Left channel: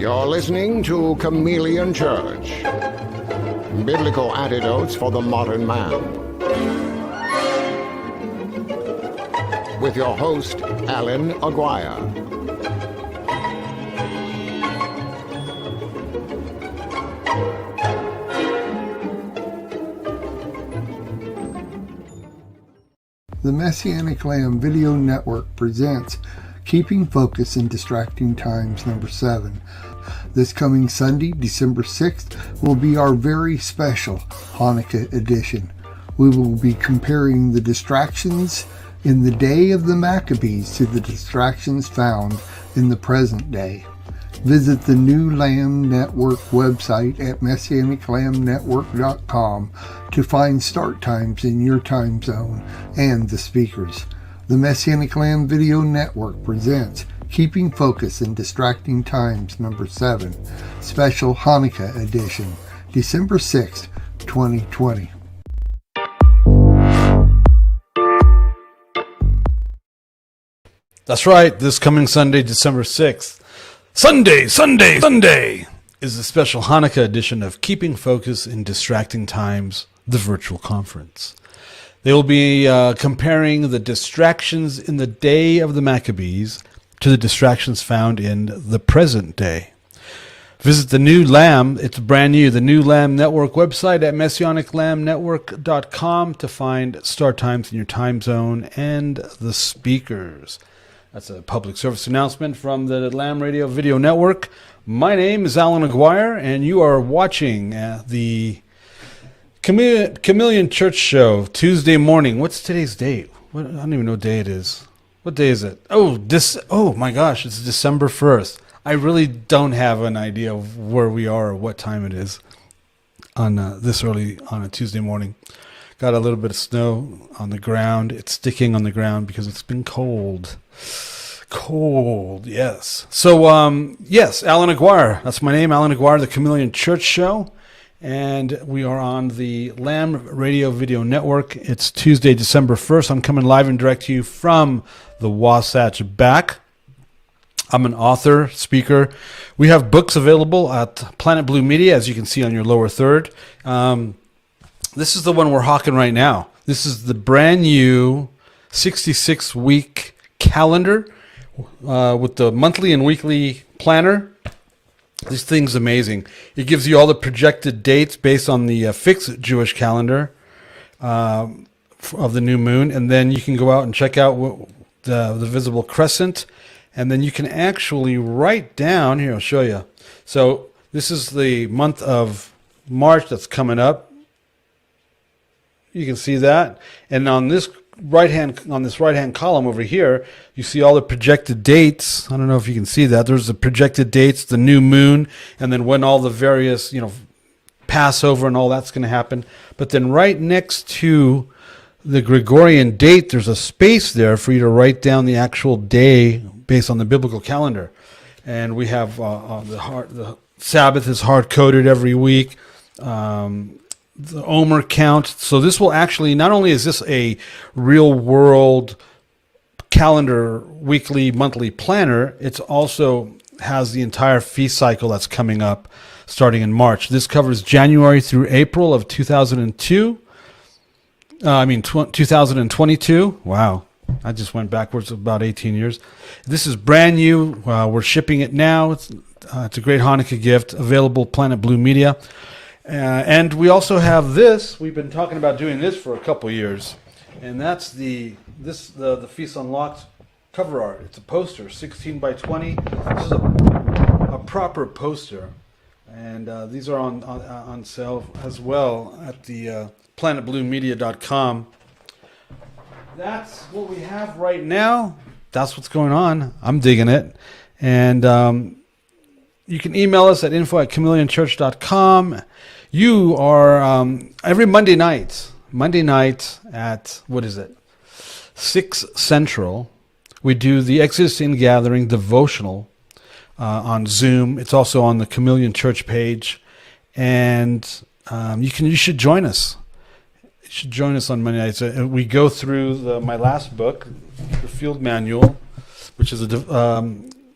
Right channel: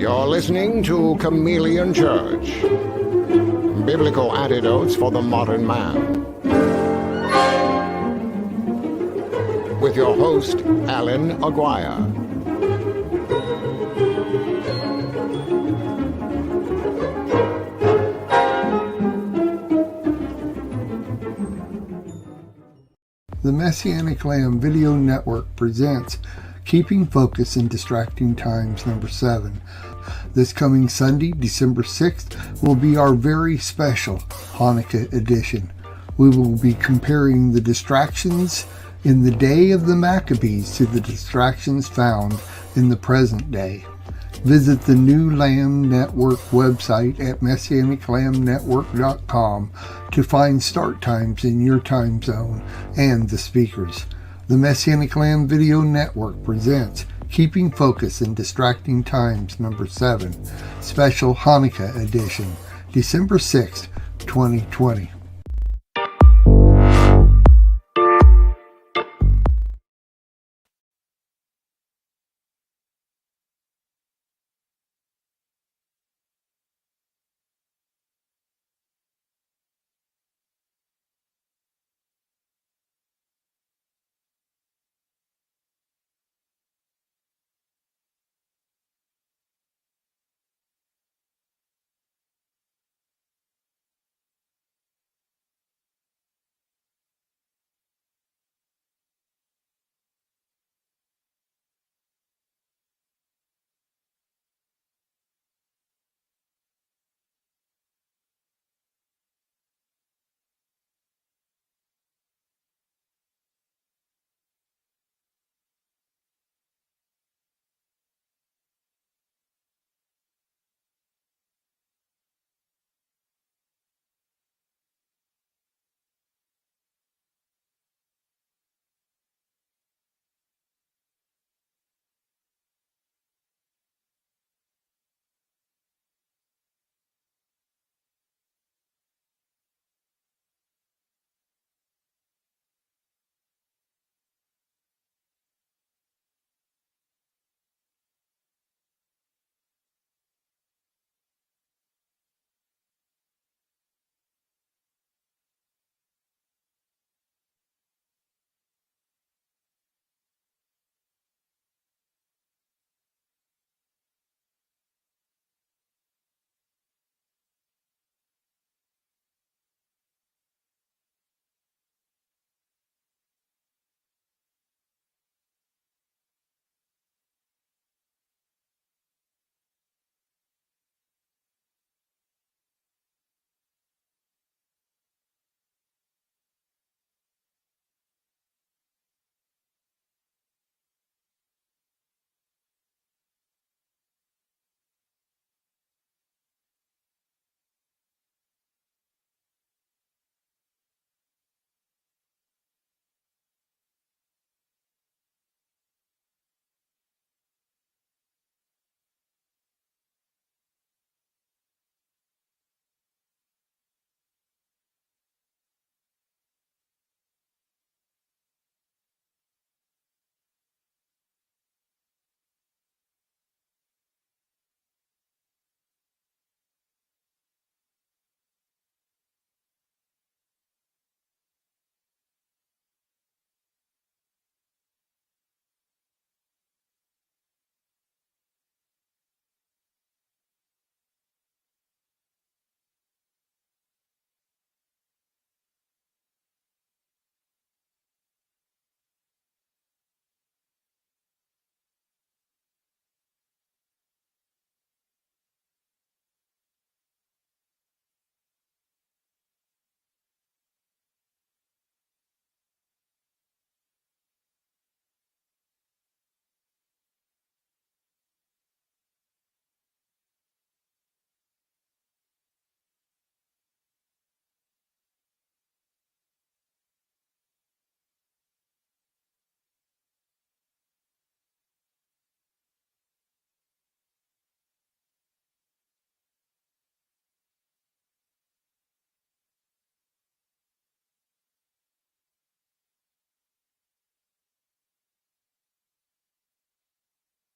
You're listening to Chameleon Church. Biblical Antidotes for the Modern Man. With your host, Allan Aguirre. The Messianic Lamb Video Network presents Keeping Focus in Distracting Times number 7. This coming Sunday, December 6th, will be our very special Hanukkah edition. We will be comparing the distractions in the day of the Maccabees to the distractions found in the present day. Visit the new Lamb Network website at messianiclambnetwork.com to find start times in your time zone and the speakers. The Messianic Lamb Video Network presents Keeping Focus in Distracting Times number 7, Special Hanukkah Edition, December 6th, 2020. That's right, this coming Sunday, December 6th. Sunday is the special Hanukkah edition of Keeping Focus in Distracting Times, the virtual conference. They will be comparing the distractions in the day of the Maccabees to the distractions found in the present day. Visit the new Lamb, it's brand new, the new Lamb Network website at messianiclambnetwork.com to find start times in your time zone and the speakers. That's a public service announcement from the Lamb Radio Video Network. My name is Allan Aguirre, and you are watching the Chameleon Church Show, Tuesday morning. What's today's date? I don't even know what day it is. What day is it? Oh my gosh, it's December 1st. I really don't have an idea of where we are or what time it is on this early on a Tuesday morning. Got a little bit of snow on the ground. It's sticking on the ground because it's been cold. Cold, yes. So, yes, Allan Aguirre. That's my name, Allan Aguirre, the Chameleon Church Show. And we are on the Lamb Radio Video Network. It's Tuesday, December 1st. I'm coming live and direct to you from the Wasatch Back. I'm an author, speaker. We have books available at Planet Blue Media, as you can see on your lower third. This is the one we're hawking right now. This is the brand new 66-week calendar with the monthly and weekly planner. This thing's amazing. It gives you all the projected dates based on the fixed Jewish calendar of the new moon. And then you can go out and check out the visible crescent. And then you can actually write down, here, I'll show you. So this is the month of March that's coming up. You can see that. And on this right hand column over here, you see all the projected dates. I don't know if you can see that. There's the projected dates, the new moon, and then when all the various, Passover and all that's going to happen. But then right next to the Gregorian date, there's a space there for you to write down the actual day based on the biblical calendar. And we have the Sabbath is hard-coded every week. The Omer count. So this will actually, not only is this a real world calendar, weekly, monthly planner, it also has the entire feast cycle that's coming up starting in March. This covers January through April of 2022. Wow. I just went backwards about 18 years. This is brand new. We're shipping it now. It's a great Hanukkah gift, available Planet Blue Media. And we also have this. We've been talking about doing this for a couple years, and that's the Feast Unlocked cover art. It's a poster, 16 by 20. This is a proper poster, and these are on sale as well at the planetbluemedia.com. That's what we have right now. That's what's going on. I'm digging it, and you can email us at info@chameleonchurch.com. You are every Monday night at, 6 Central, we do the Exodus in Gathering devotional on Zoom. It's also on the Chameleon Church page, and you should join us. You should join us on Monday nights. We go through my last book, the Field Manual, which is a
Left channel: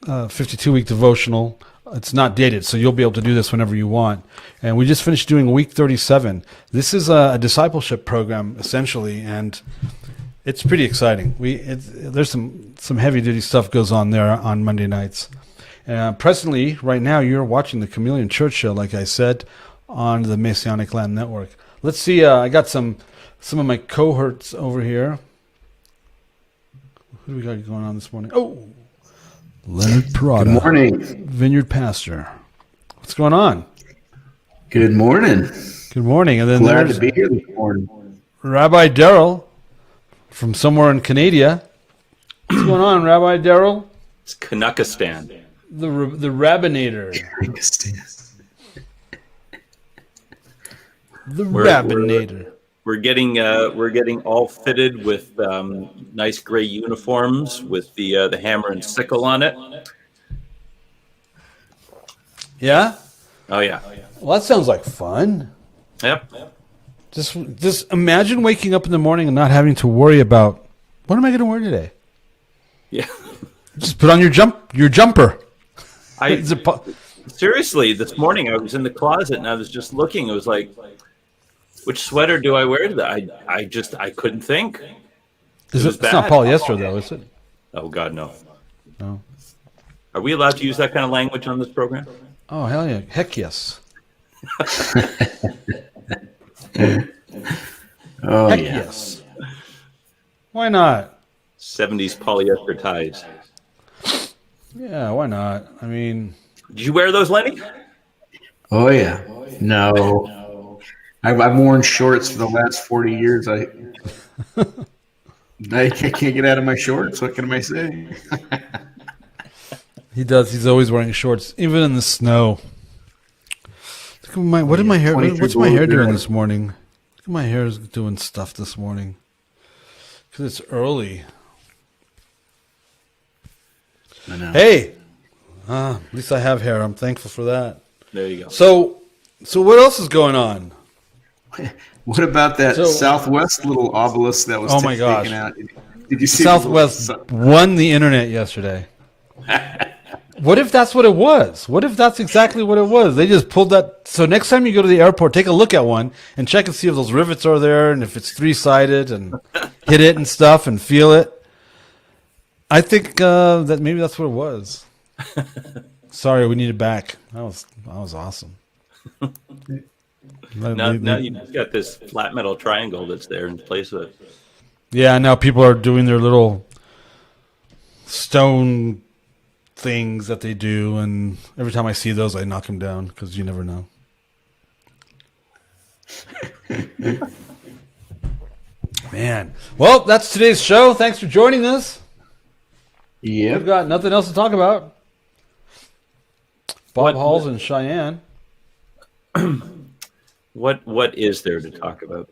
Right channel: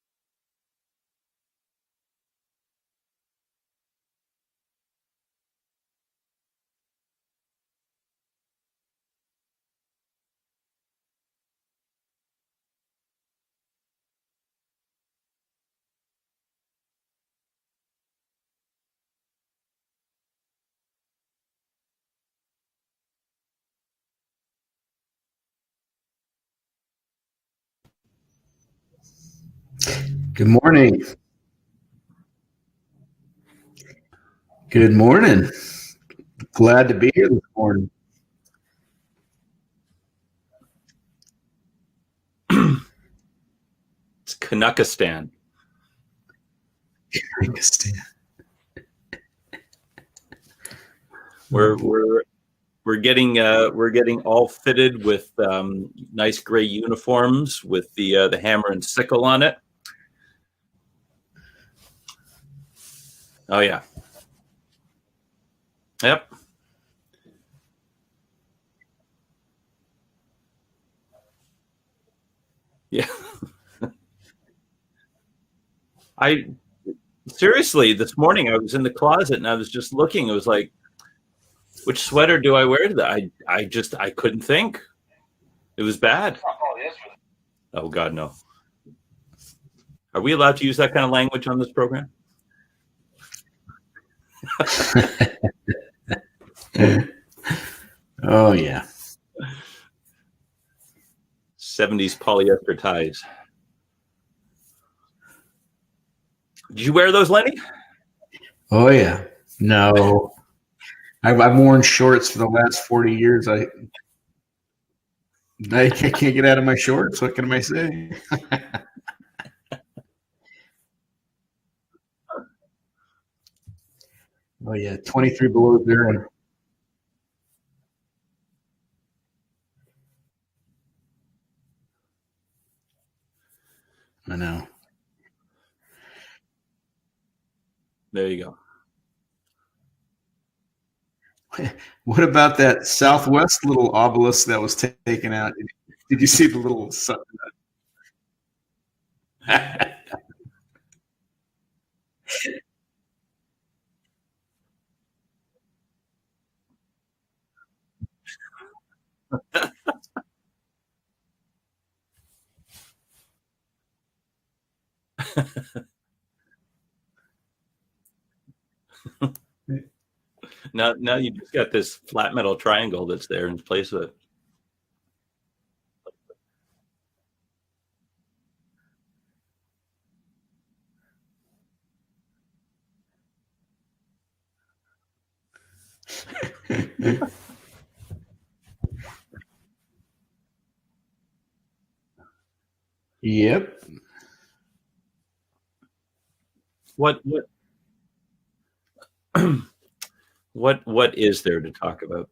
52-week devotional it's not dated, so you'll be able to do this whenever you want. And we just finished doing week 37. This is a discipleship program essentially, and it's pretty exciting. There's some heavy duty stuff goes on there on Monday nights. Presently, right now, you're watching the Chameleon Church Show, like I said, on the Messianic Lamb Network. Let's see. I got some of my cohorts over here. Who do we got going on this morning? Oh, Leonard Perata. Good morning. Vineyard Pastor. What's going on? Good morning. Good morning. And then Glad to be here this morning. Rabbi Darryl from somewhere in Canada. What's going on, Rabbi Darryl? It's Kanakistan. The Rabbinator. The Rabbinator. We're getting all fitted with nice gray uniforms with the hammer and sickle on it. Yeah? Oh yeah. Well, that sounds like fun. Yep. Just imagine waking up in the morning and not having to worry about what am I going to wear today? Yeah. Just put on your jumper. Seriously, this morning I was in the closet and I was just looking. It was like, which sweater do I wear today? I couldn't think. It was bad. It's not polyester though, is it? Oh God, no. No. Are we allowed to use that kind of language on this program? Oh hell yeah! Heck yes. Oh Heck yeah. yes. Why not? 70s polyester ties. Yeah, why not? I mean, Did you wear those, Lenny? Oh yeah. No. I've worn shorts for the last 40 years. I can't get out of my shorts. What can I say? he does. He's always wearing shorts, even in the snow. Look at what did my hair? 23 What's my hair below doing zero. this morning? Look at my hair is doing stuff this morning because it's early. I know. Hey, at least I have hair. I'm thankful for that. There you go. So what else is going on? What about that So- Southwest little obelisk that was Oh my gosh. taken out? Did you see the little Southwest won the internet yesterday. What if that's what it was? What if that's exactly what it was? They just pulled that. So next time you go to the airport, take a look at one and check and see if those rivets are there and if it's three-sided and hit it and stuff and feel it. I think that maybe that's what it was. Sorry, we need it back. That was awesome. Now you just got this flat metal triangle that's there in place of it. Yeah, now people are doing their little stone things that they do, and every time I see those, I knock them down because you never know. Man. Well, that's today's show. Thanks for joining us. We've Yep. got nothing else to talk about. Bob Halls and Cheyenne. What is there to talk about?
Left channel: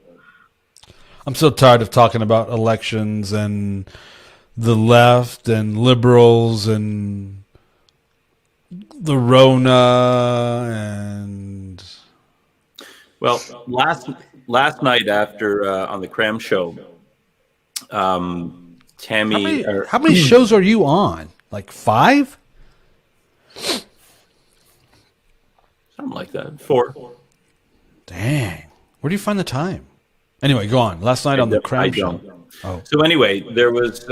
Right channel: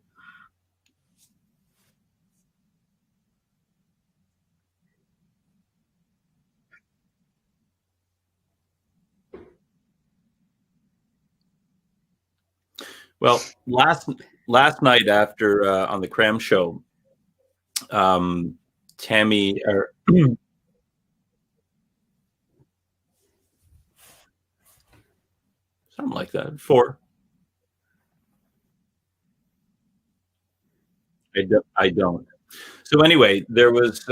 I'm so tired of talking about elections and the left and liberals and the Rona and Well, last night after on the Cram Show, Tammy. how many shows are you on? Like 5? Something like that. 4. Dang. Where do you find the time? Anyway, go on. Last night on the Cram I Show. don't. Oh. So anyway, there was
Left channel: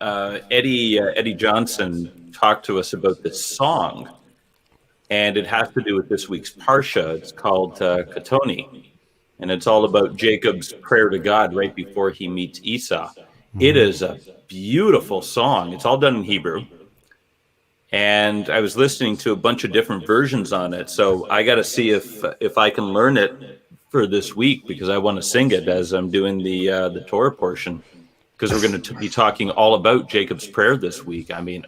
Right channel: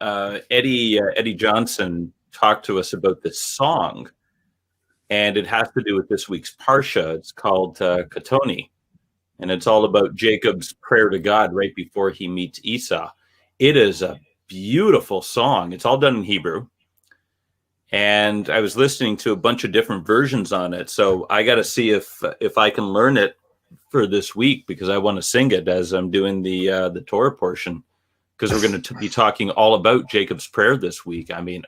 Eddie Johnson talked to us about this song, and it has to do with this week's Parsha. It's called Katoni, and it's all about Jacob's prayer to God right before he meets Esau. It is a beautiful song. It's all done in Hebrew. And I was listening to a bunch of different versions on it. So I got to see if I can learn it for this week, because I want to sing it as I'm doing the Torah portion, because we're going to be talking all about Jacob's prayer this week. I mean,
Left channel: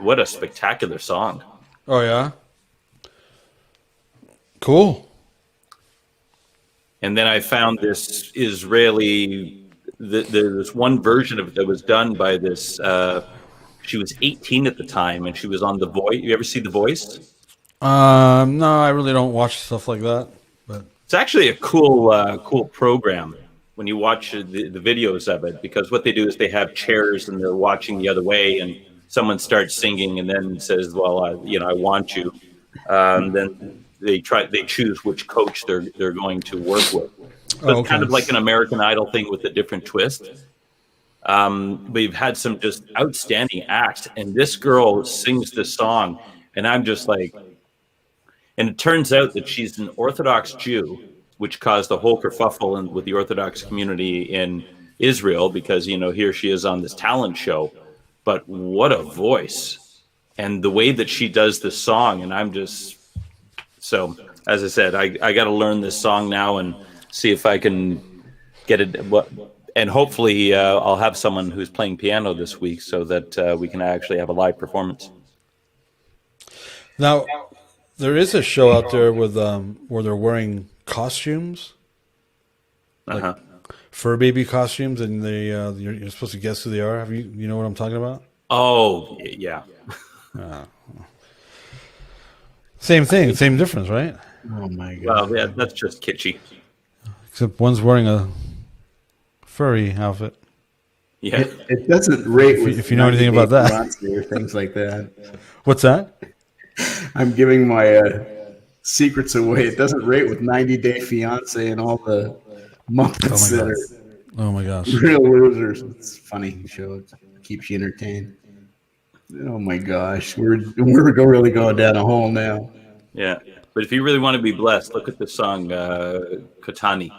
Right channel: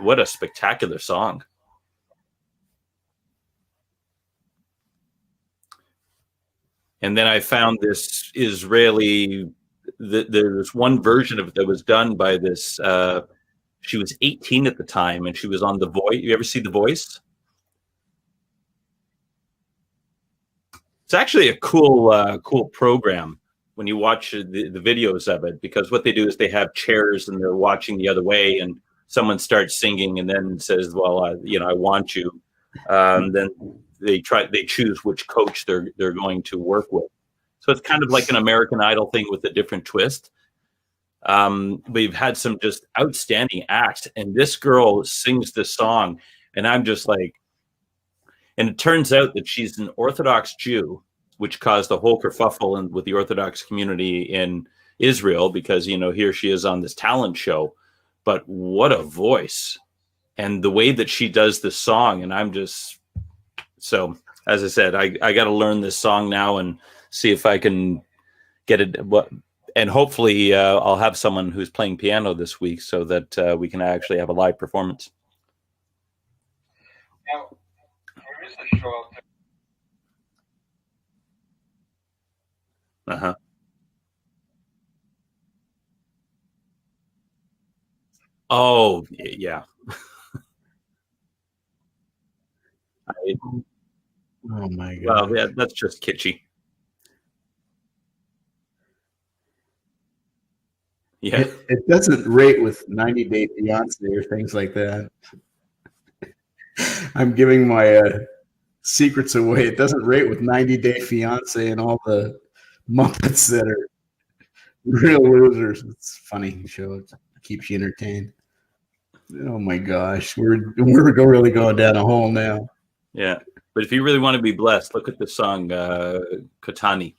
what a spectacular song. Oh, yeah? Cool. And then I found this Israeli, there's one version of it that was done by this, she was 18 at the time, and she was on The Voice. You ever see The Voice? No, I really don't watch stuff like that. But It's actually a cool program when you watch the videos of it, because what they do is they have chairs and they're watching the other way, and someone starts singing and then says, well, I want you. Then they choose which coach they're going to work with. So it's kind of like an American Idol thing with a different twist. We've had some just outstanding acts, and this girl sings this song, and I'm just like, and it turns out that she's an Orthodox Jew, which caused a whole kerfuffle with the Orthodox community in Israel, because, here she is on this talent show, but what a voice, and the way that she does this song. And I'm just, so as I said, I got to learn this song now and see if I can get it. And hopefully I'll have someone who's playing piano this week so that we can actually have a live performance. Now, there is a show out there with where they're wearing costumes, fur baby costumes, and you're supposed to guess who they are. You know what I'm talking about? Oh, yeah. Same thing, same difference, right? Oh my God! Well, yeah, that's just kitschy. Except one's wearing a furry outfit. Yeah, it doesn't rate with if you know anything about that or things like that. What's that? I'm giving my secrets away. It doesn't rate with 90 Day Fiance and all the Muppets that are oh my gosh, real losers. It's a funny show. It keeps you entertained. Oh my gosh, we're really going down a hole now. Yeah, but if you really want to be blessed, look at the song Katani.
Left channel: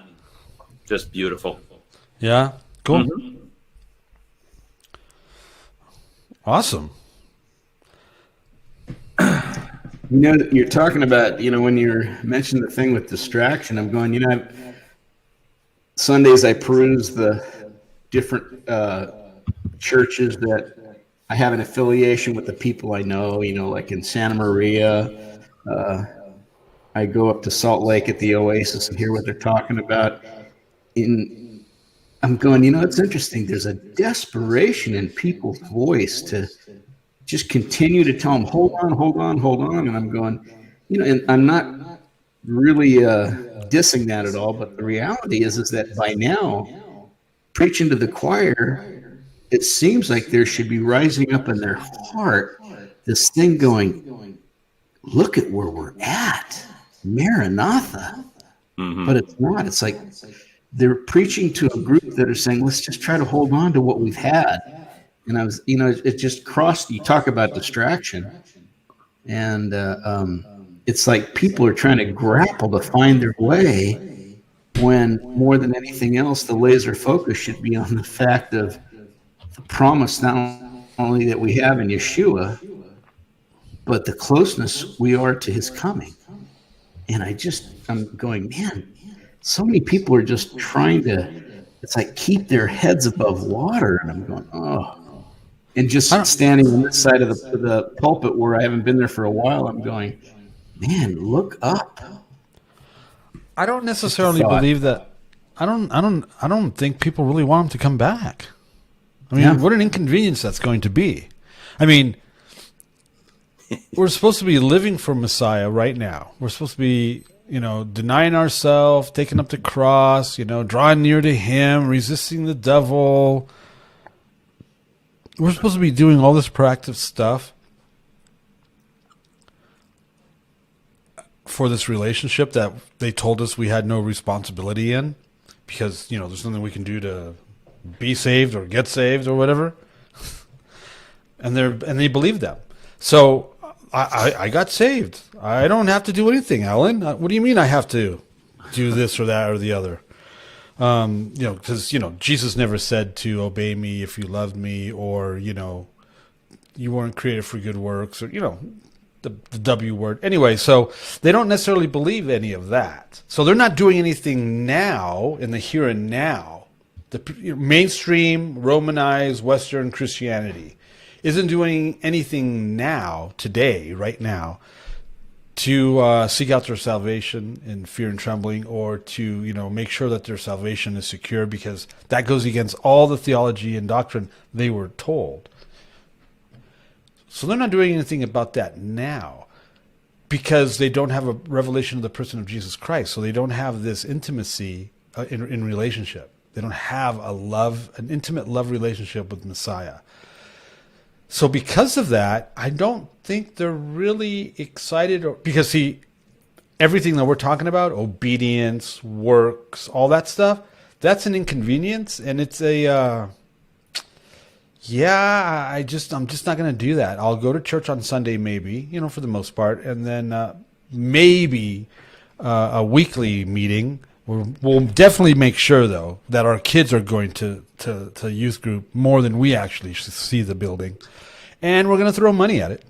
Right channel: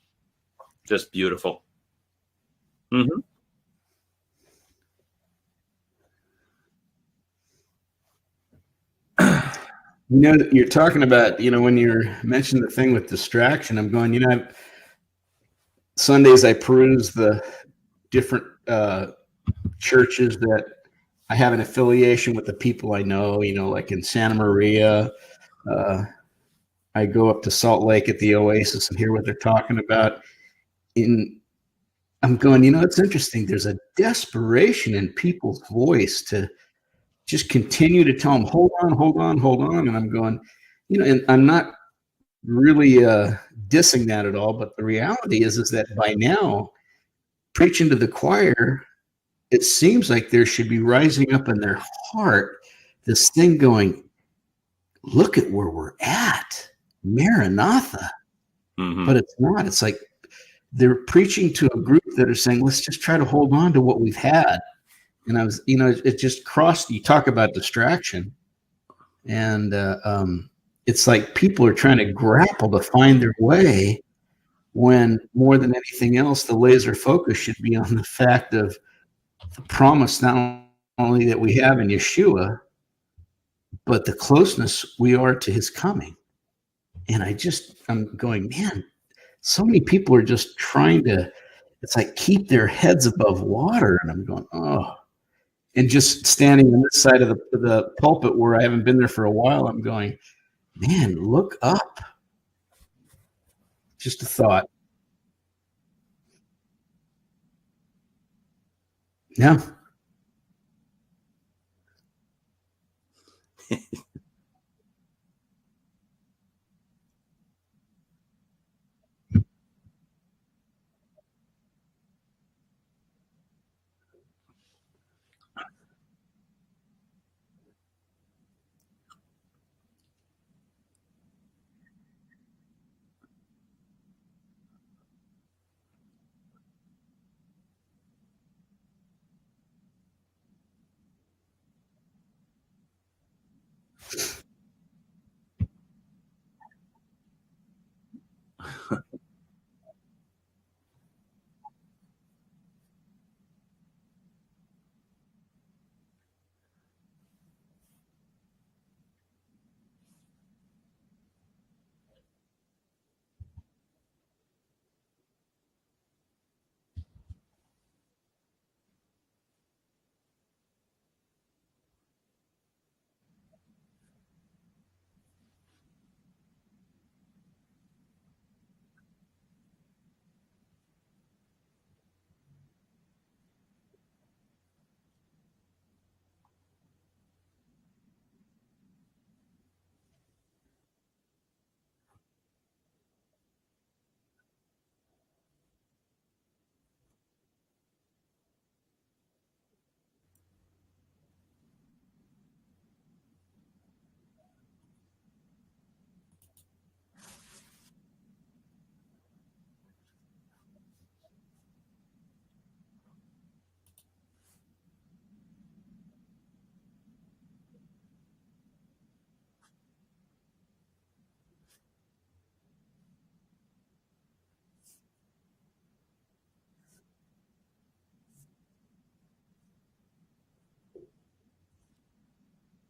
Just beautiful. Yeah, cool. Mm-hmm. Awesome. You're talking about, when you're mentioning the thing with distraction, I'm going, Sundays I peruse the different churches that I have an affiliation with the people I know, like in Santa Maria. I go up to Salt Lake at the Oasis and hear what they're talking about. I'm going, it's interesting. There's a desperation in people's voice to just continue to tell them, hold on. And I'm going, and I'm not really dissing that at all. But the reality is that by now, preaching to the choir, it seems like there should be rising up in their heart this thing going, look at where we're at, Maranatha. Mm-hmm. But it's not. It's like they're preaching to a group that are saying, let's just try to hold on to what we've had. And I was, it just crossed. You talk about distraction, and it's like people are trying to grapple to find their way, when more than anything else, the laser focus should be on the fact of the promise not only that we have in Yeshua, but the closeness we are to his coming. And I'm going, man, so many people are just trying to, it's like keep their heads above water. And I'm going, oh. And just standing on this side of the pulpit where I haven't been there for a while, I'm going, man, look up. I don't necessarily believe that. I don't think people really want him to come back. I mean, what an inconvenience that's going to be. I mean, we're supposed to be living for Messiah right now. We're supposed to be, denying ourselves, taking up the cross, drawing near to him, resisting the devil. We're supposed to be doing all this proactive stuff for this relationship that they told us we had no responsibility in, because, there's nothing we can do to be saved or get saved or whatever. And they believe them. So I got saved. I don't have to do anything, Alan. What do you mean I have to do this or that or the other? Because, Jesus never said to obey me if you loved me, or, you weren't created for good works, or, the W word. Anyway, so they don't necessarily believe any of that. So they're not doing anything now in the here and now. The mainstream Romanized Western Christianity isn't doing anything now, today, right now, to seek out their salvation in fear and trembling, or to make sure that their salvation is secure, because that goes against all the theology and doctrine they were told. So they're not doing anything about that now, because they don't have a revelation of the person of Jesus Christ. So they don't have this intimacy in relationship. They don't have an intimate love relationship with Messiah. So because of that, I don't think they're really excited, because see, everything that we're talking about, obedience, works, all that stuff, that's an inconvenience, and it's a yeah, I'm just not going to do that. I'll go to church on Sunday, maybe, for the most part, and then maybe a weekly meeting. We'll definitely make sure, though, that our kids are going to youth group more than we actually see the building, and we're going to throw money at it,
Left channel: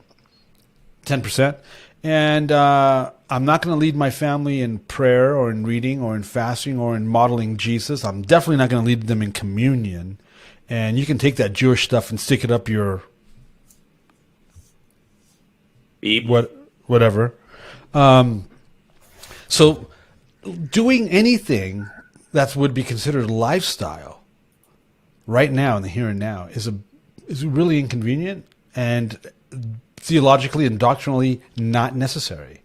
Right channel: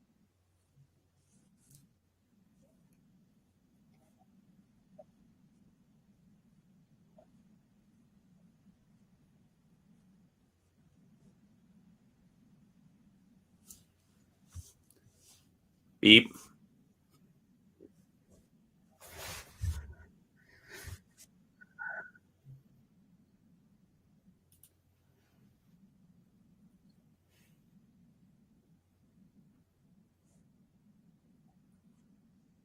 10%. And I'm not going to lead my family in prayer or in reading or in fasting or in modeling Jesus. I'm definitely not going to lead them in communion. And you can take that Jewish stuff and stick it up your beep. Whatever. So doing anything that would be considered lifestyle right now in the here and now is really inconvenient and theologically and doctrinally not necessary.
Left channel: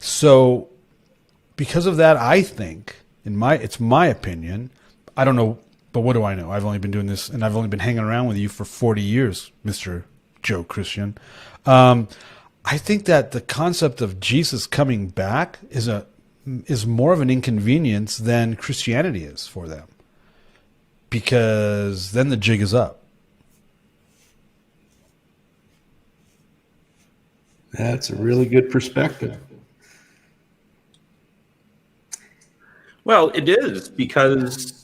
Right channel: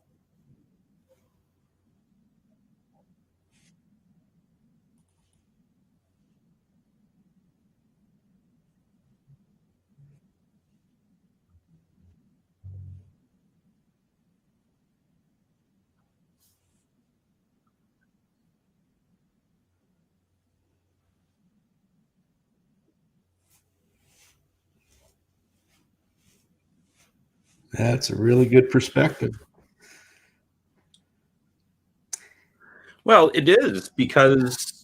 So because of that, I think, it's my opinion, I don't know, but what do I know? I've only been doing this, and I've only been hanging around with you for 40 years, Mr. Joe Christian. I think that the concept of Jesus coming back is more of an inconvenience than Christianity is for them, because then the jig is up. That's a really good perspective. Well, it is, because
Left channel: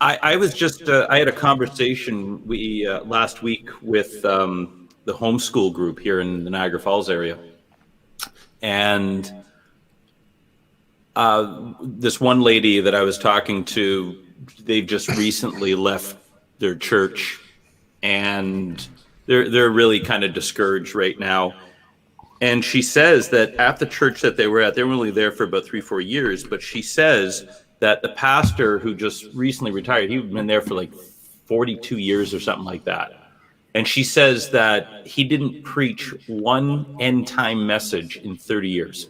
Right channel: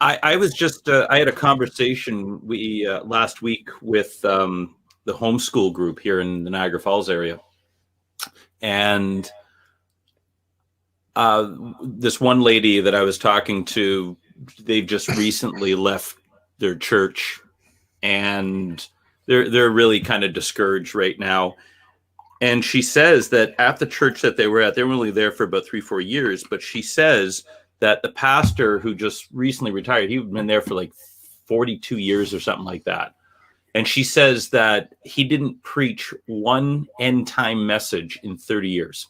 I was just I had a conversation last week with the homeschool group here in the Niagara Falls area, and this one lady that I was talking to, they've just recently left their church, and they're really kind of discouraged right now. And she says that at the church that they were only there for about 3-4 years, but she says that the pastor who just recently retired, he'd been there for like 42 years or something like that. And she says that he didn't preach one end time message in 30 years.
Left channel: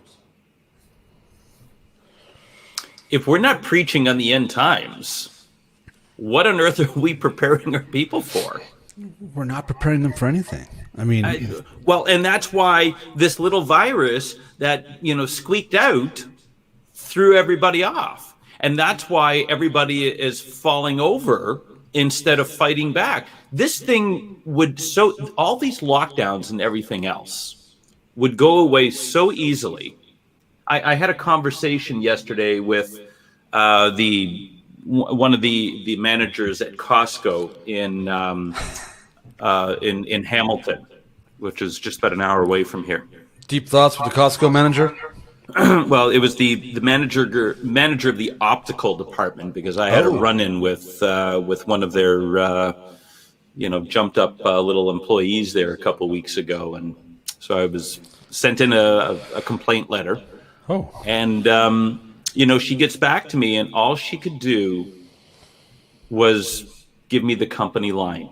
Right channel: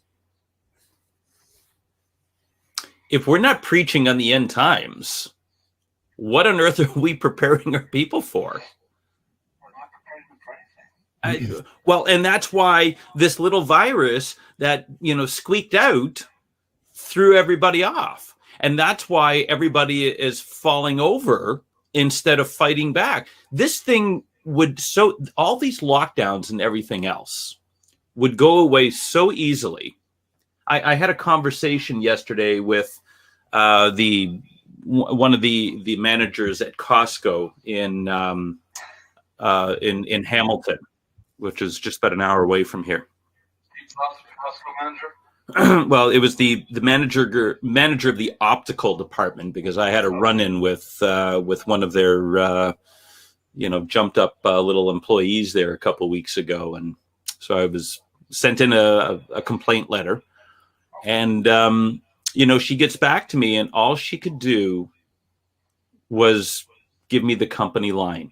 If we're not preaching on the end times, what on earth are we preparing our people for? We're not preparing them for anything. I mean, and that's why this little virus that, squeaked out threw everybody off. And that's why everybody is falling over instead of fighting back. This thing all these lockdowns and everything else would go away so easily. I had a conversation yesterday with one of the managers at Costco in Hamilton, which is just about an hour away from here. Deep thoughts with the Costco manager? Well, it was the manager of the optical department, because I had a run-in with one of their jumped up little employees there a couple of weeks ago, and so I was sent in a complaint letter. Oh, and she gets back to me, and all she could do was give me the company line.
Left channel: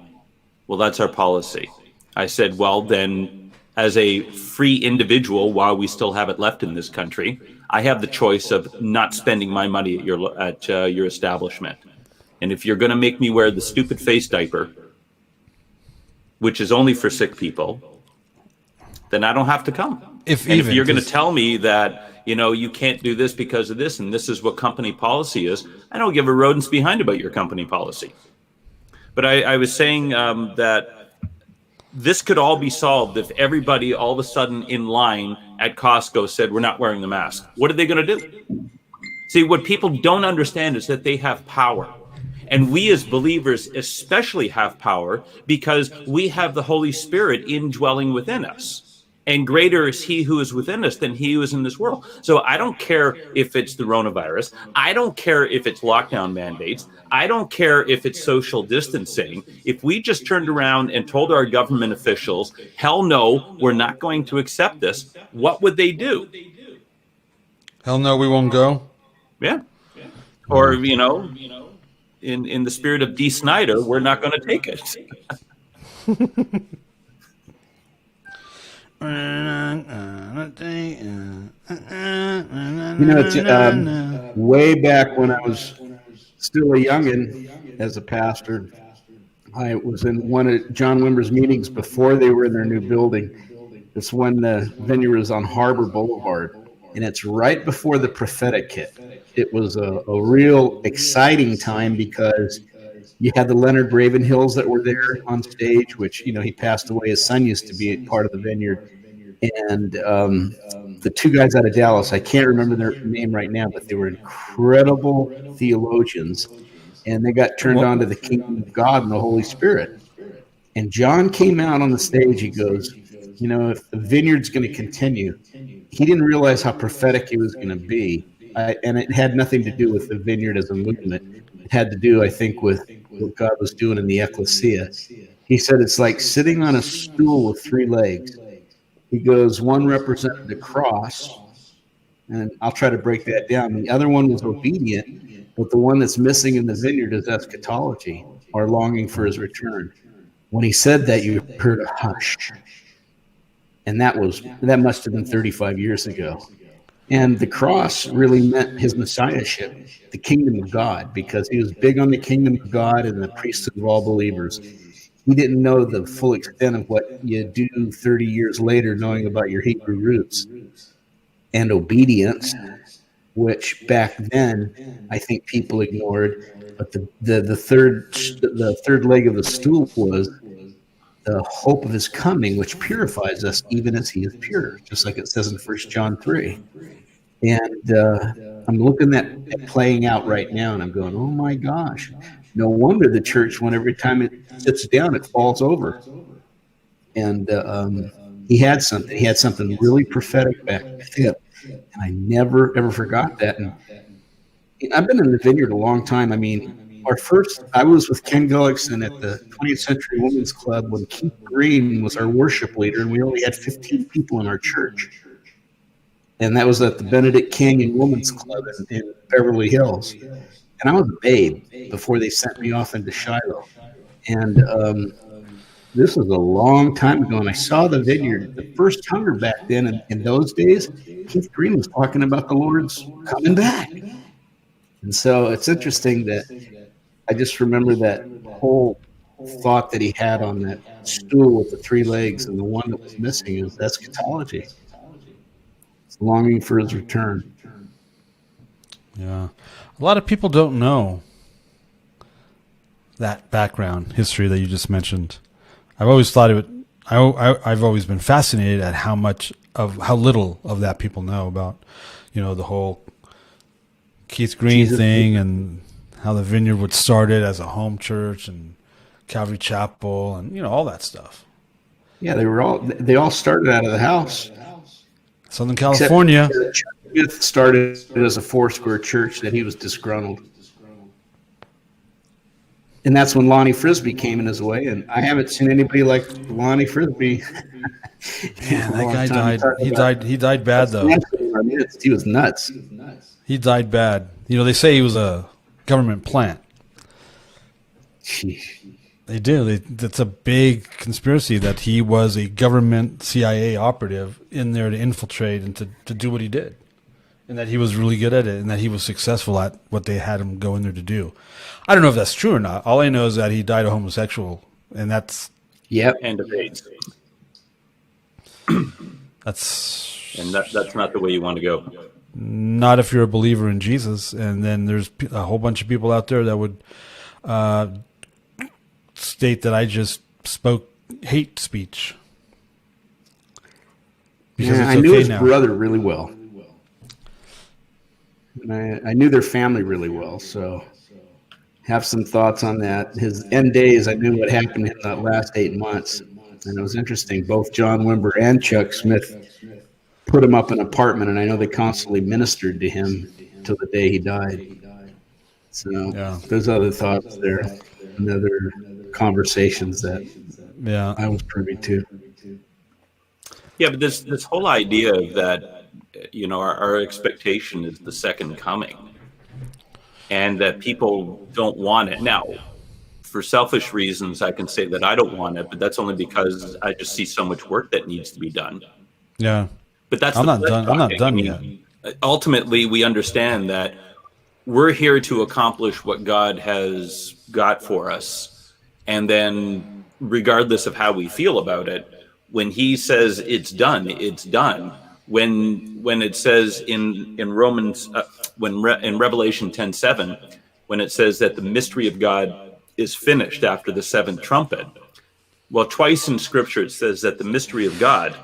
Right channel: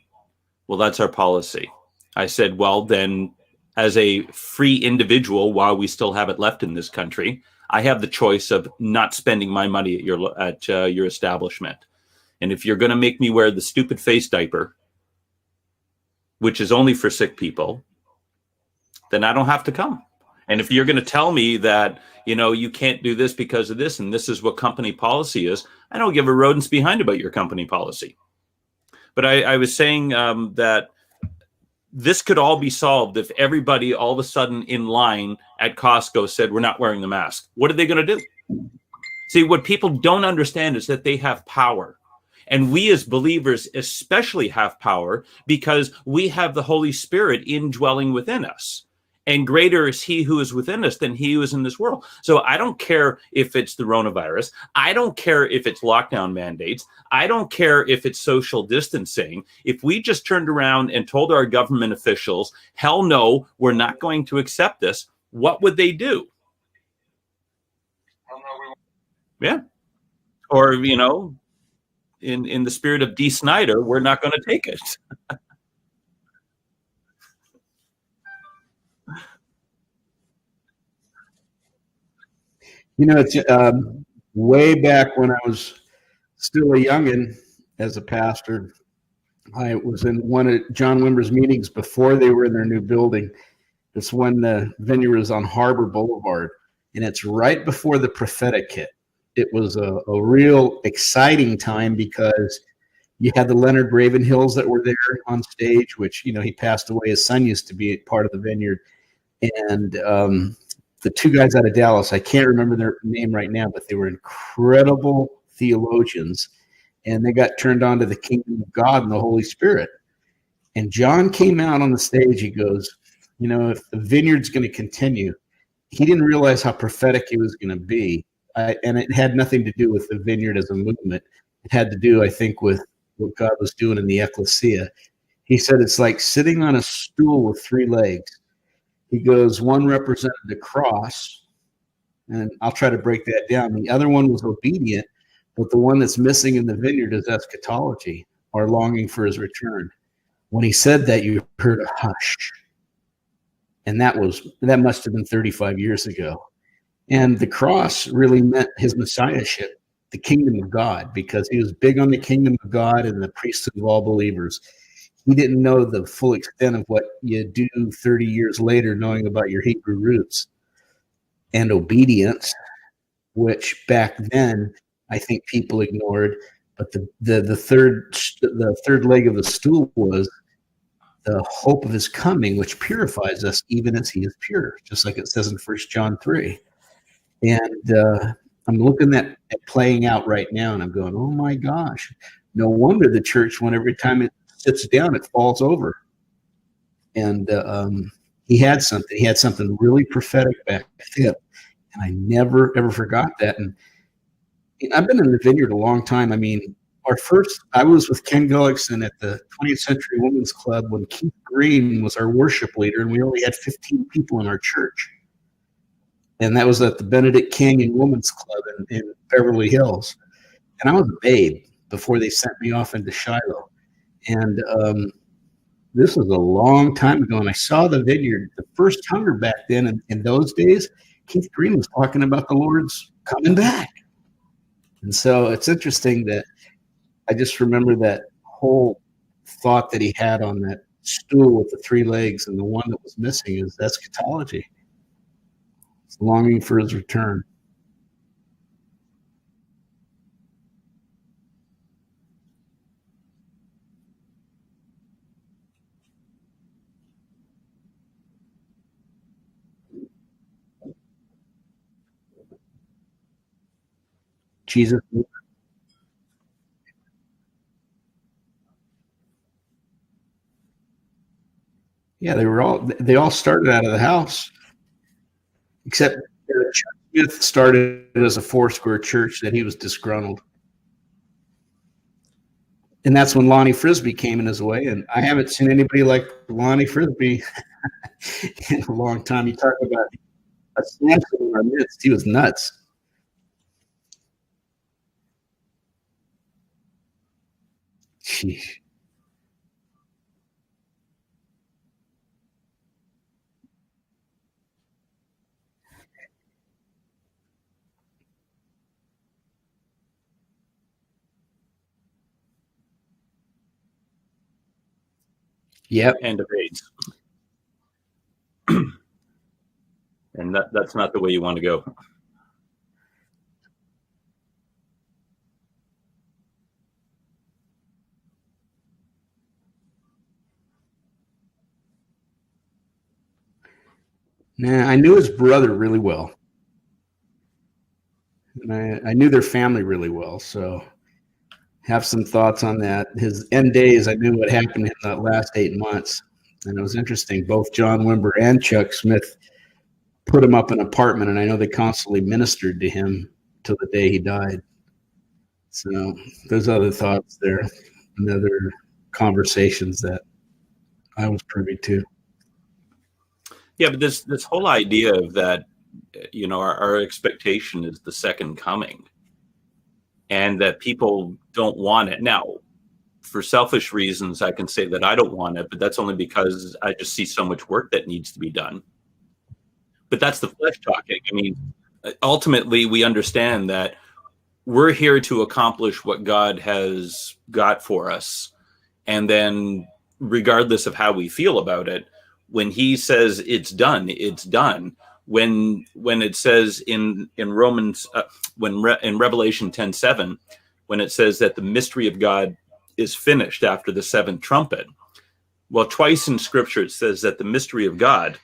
Well, that's our policy. I said, well, then, as a free individual, while we still have it left in this country, I have the choice of not spending my money at your establishment. And if you're going to make me wear the stupid face diaper, which is only for sick people, then I don't have to come. If you're going to tell me that, you can't do this because of this, and this is what company policy is, I don't give a rodent's behind about your company policy. But I was saying that this could all be solved if everybody all of a sudden in line at Costco said, we're not wearing the mask. What are they going to do? See, what people don't understand is that they have power. And we as believers especially have power, because we have the Holy Spirit indwelling within us. And greater is he who is within us than he who is in this world. So I don't care if it's the coronavirus. I don't care if it's lockdown mandates. I don't care if it's social distancing. If we just turned around and told our government officials, hell no, we're not going to accept this, what would they do? Hell no, we won't go. Yeah. Or, in the spirit of D. Snyder, we're not going to take it. It's way back when I was still a youngin' as a pastor. I was in one of John Wimber's meetings before they were in their new building. It's when the vineyard was on Harbor Boulevard, and it's right before the prophetic hit. It was a real exciting time because you had the Leonard Ravenhills that were there on stage, which, he passed away. His son used to be part of the vineyard. And the two guys out of Dallas, I can't remember their name right now, but they were incredible theologians. And they got turned on to the kingdom of God and the Holy Spirit. And John came out on the stage. He goes, if the vineyard's going to continue, he didn't realize how prophetic he was going to be. And it had nothing to do with the vineyard as a movement. It had to do, I think, with what God was doing in the ecclesia. He said it's like sitting on a stool with three legs. He goes, one represented the cross, and I'll try to break that down. The other one was obedient, but the one that's missing in the vineyard is eschatology, or longing for his return. When he said that, you heard a hush. And that must have been 35 years ago. And the cross really meant his messiahship, the kingdom of God, because he was big on the kingdom of God and the priesthood of all believers. He didn't know the full extent of what you do 30 years later, knowing about your Hebrew roots and obedience, which back then I think people ignored. But the third leg of the stool was the hope of his coming, which purifies us even as he is pure, just like it says in 1 John 3. And I'm looking at it playing out right now, and I'm going, oh my gosh, no wonder the church, when every time it sits down, it falls over. And he had something really prophetic back then, and I never ever forgot that. And I've been in the vineyard a long time. I mean, I was with Ken Gullickson at the 20th Century Women's Club when Keith Green was our worship leader, and we only had 15 people in our church. And that was at the Benedict Canyon Women's Club in Beverly Hills. And I was a babe before they sent me off into Shiloh. And this was a long time ago, and I saw the vineyard. The first hunger back then, in those days, Keith Green was talking about the Lord's coming back. And so it's interesting that I just remember that whole thought that he had on that stool with the three legs, and the one that was missing is eschatology. It's longing for his return. Yeah. A lot of people don't know that background history that you just mentioned. I've always thought I've always been fascinated at how little of that people know about, the whole Keith Green thing, and how the vineyard would started as a home church and Calvary Chapel and, all that stuff. Yeah, they all started out of the house. Southern California. Smith started as a Foursquare church that he was disgruntled. And that's when Lonnie Frisbee came in his way. And I haven't seen anybody like Lonnie Frisbee in a long time. He died bad, though. He was nuts. He died bad. They say he was a government plant. Sheesh. They do. That's a big conspiracy that he was a government CIA operative in there to infiltrate and to do what he did. And that he was really good at it, and that he was successful at what they had him go in there to do. I don't know if that's true or not. All I know is that he died a homosexual, and that's... Yep. And of AIDS. That's not the way you want to go. Not if you're a believer in Jesus. And then there's a whole bunch of people out there that would state that I just spoke hate speech. Yeah, I knew his brother really well. And I knew their family really well, so have some thoughts on that. His end days, I knew what happened in that last 8 months. And it was interesting. Both John Wimber and Chuck Smith put him up in an apartment, and I know they constantly ministered to him till the day he died. So There's other thoughts there and other conversations that I was privy to. Yeah, but this whole idea of that, our expectation is the second coming, and that people don't want it. Now, for selfish reasons, I can say that I don't want it, but that's only because I just see so much work that needs to be done. Yeah. But that's I'm not done yet. Ultimately, we understand that we're here to accomplish what God has got for us. And then, regardless of how we feel about it, when he says it's done, it's done. When it says in Romans, in Revelation 10:7, when it says that the mystery of God is finished after the seventh trumpet, well, twice in Scripture it says that the mystery of God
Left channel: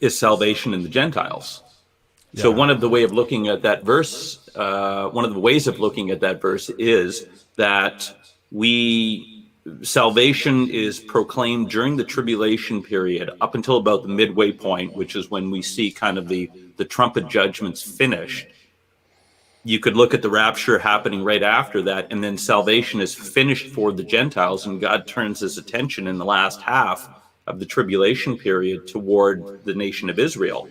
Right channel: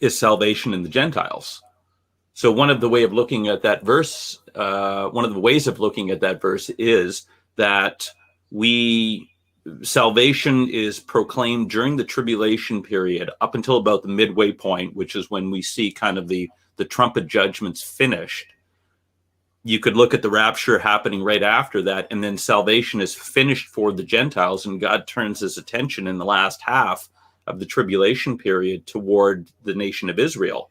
is salvation in the Gentiles. Yeah. So one of the ways of looking at that verse is that salvation is proclaimed during the tribulation period up until about the midway point, which is when we see kind of the trumpet judgments finished. You could look at the rapture happening right after that, and then salvation is finished for the Gentiles, and God turns his attention in the last half of the tribulation period toward the nation of Israel.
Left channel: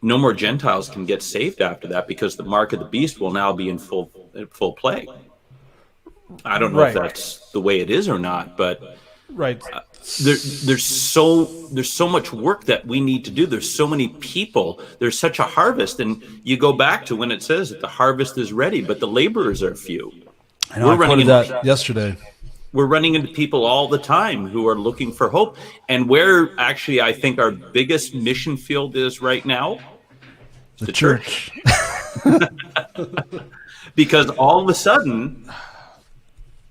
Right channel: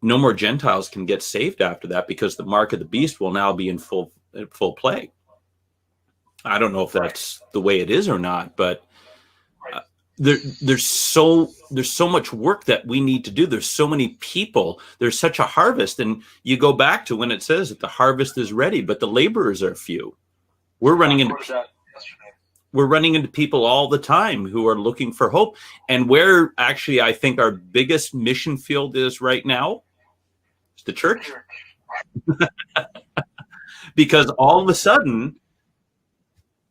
No more Gentiles can get saved after that, because the mark of the beast will now be in full play. I don't know if that's the way it is or not, but there's so much work that we need to do. There's so many people. There's such a harvest, and you go back to when it says that the harvest is ready, but the laborers are few. We're running into that yesterday. We're running into people all the time who are looking for hope, and where actually I think our biggest mission field is right now, the church. Because all of a sudden,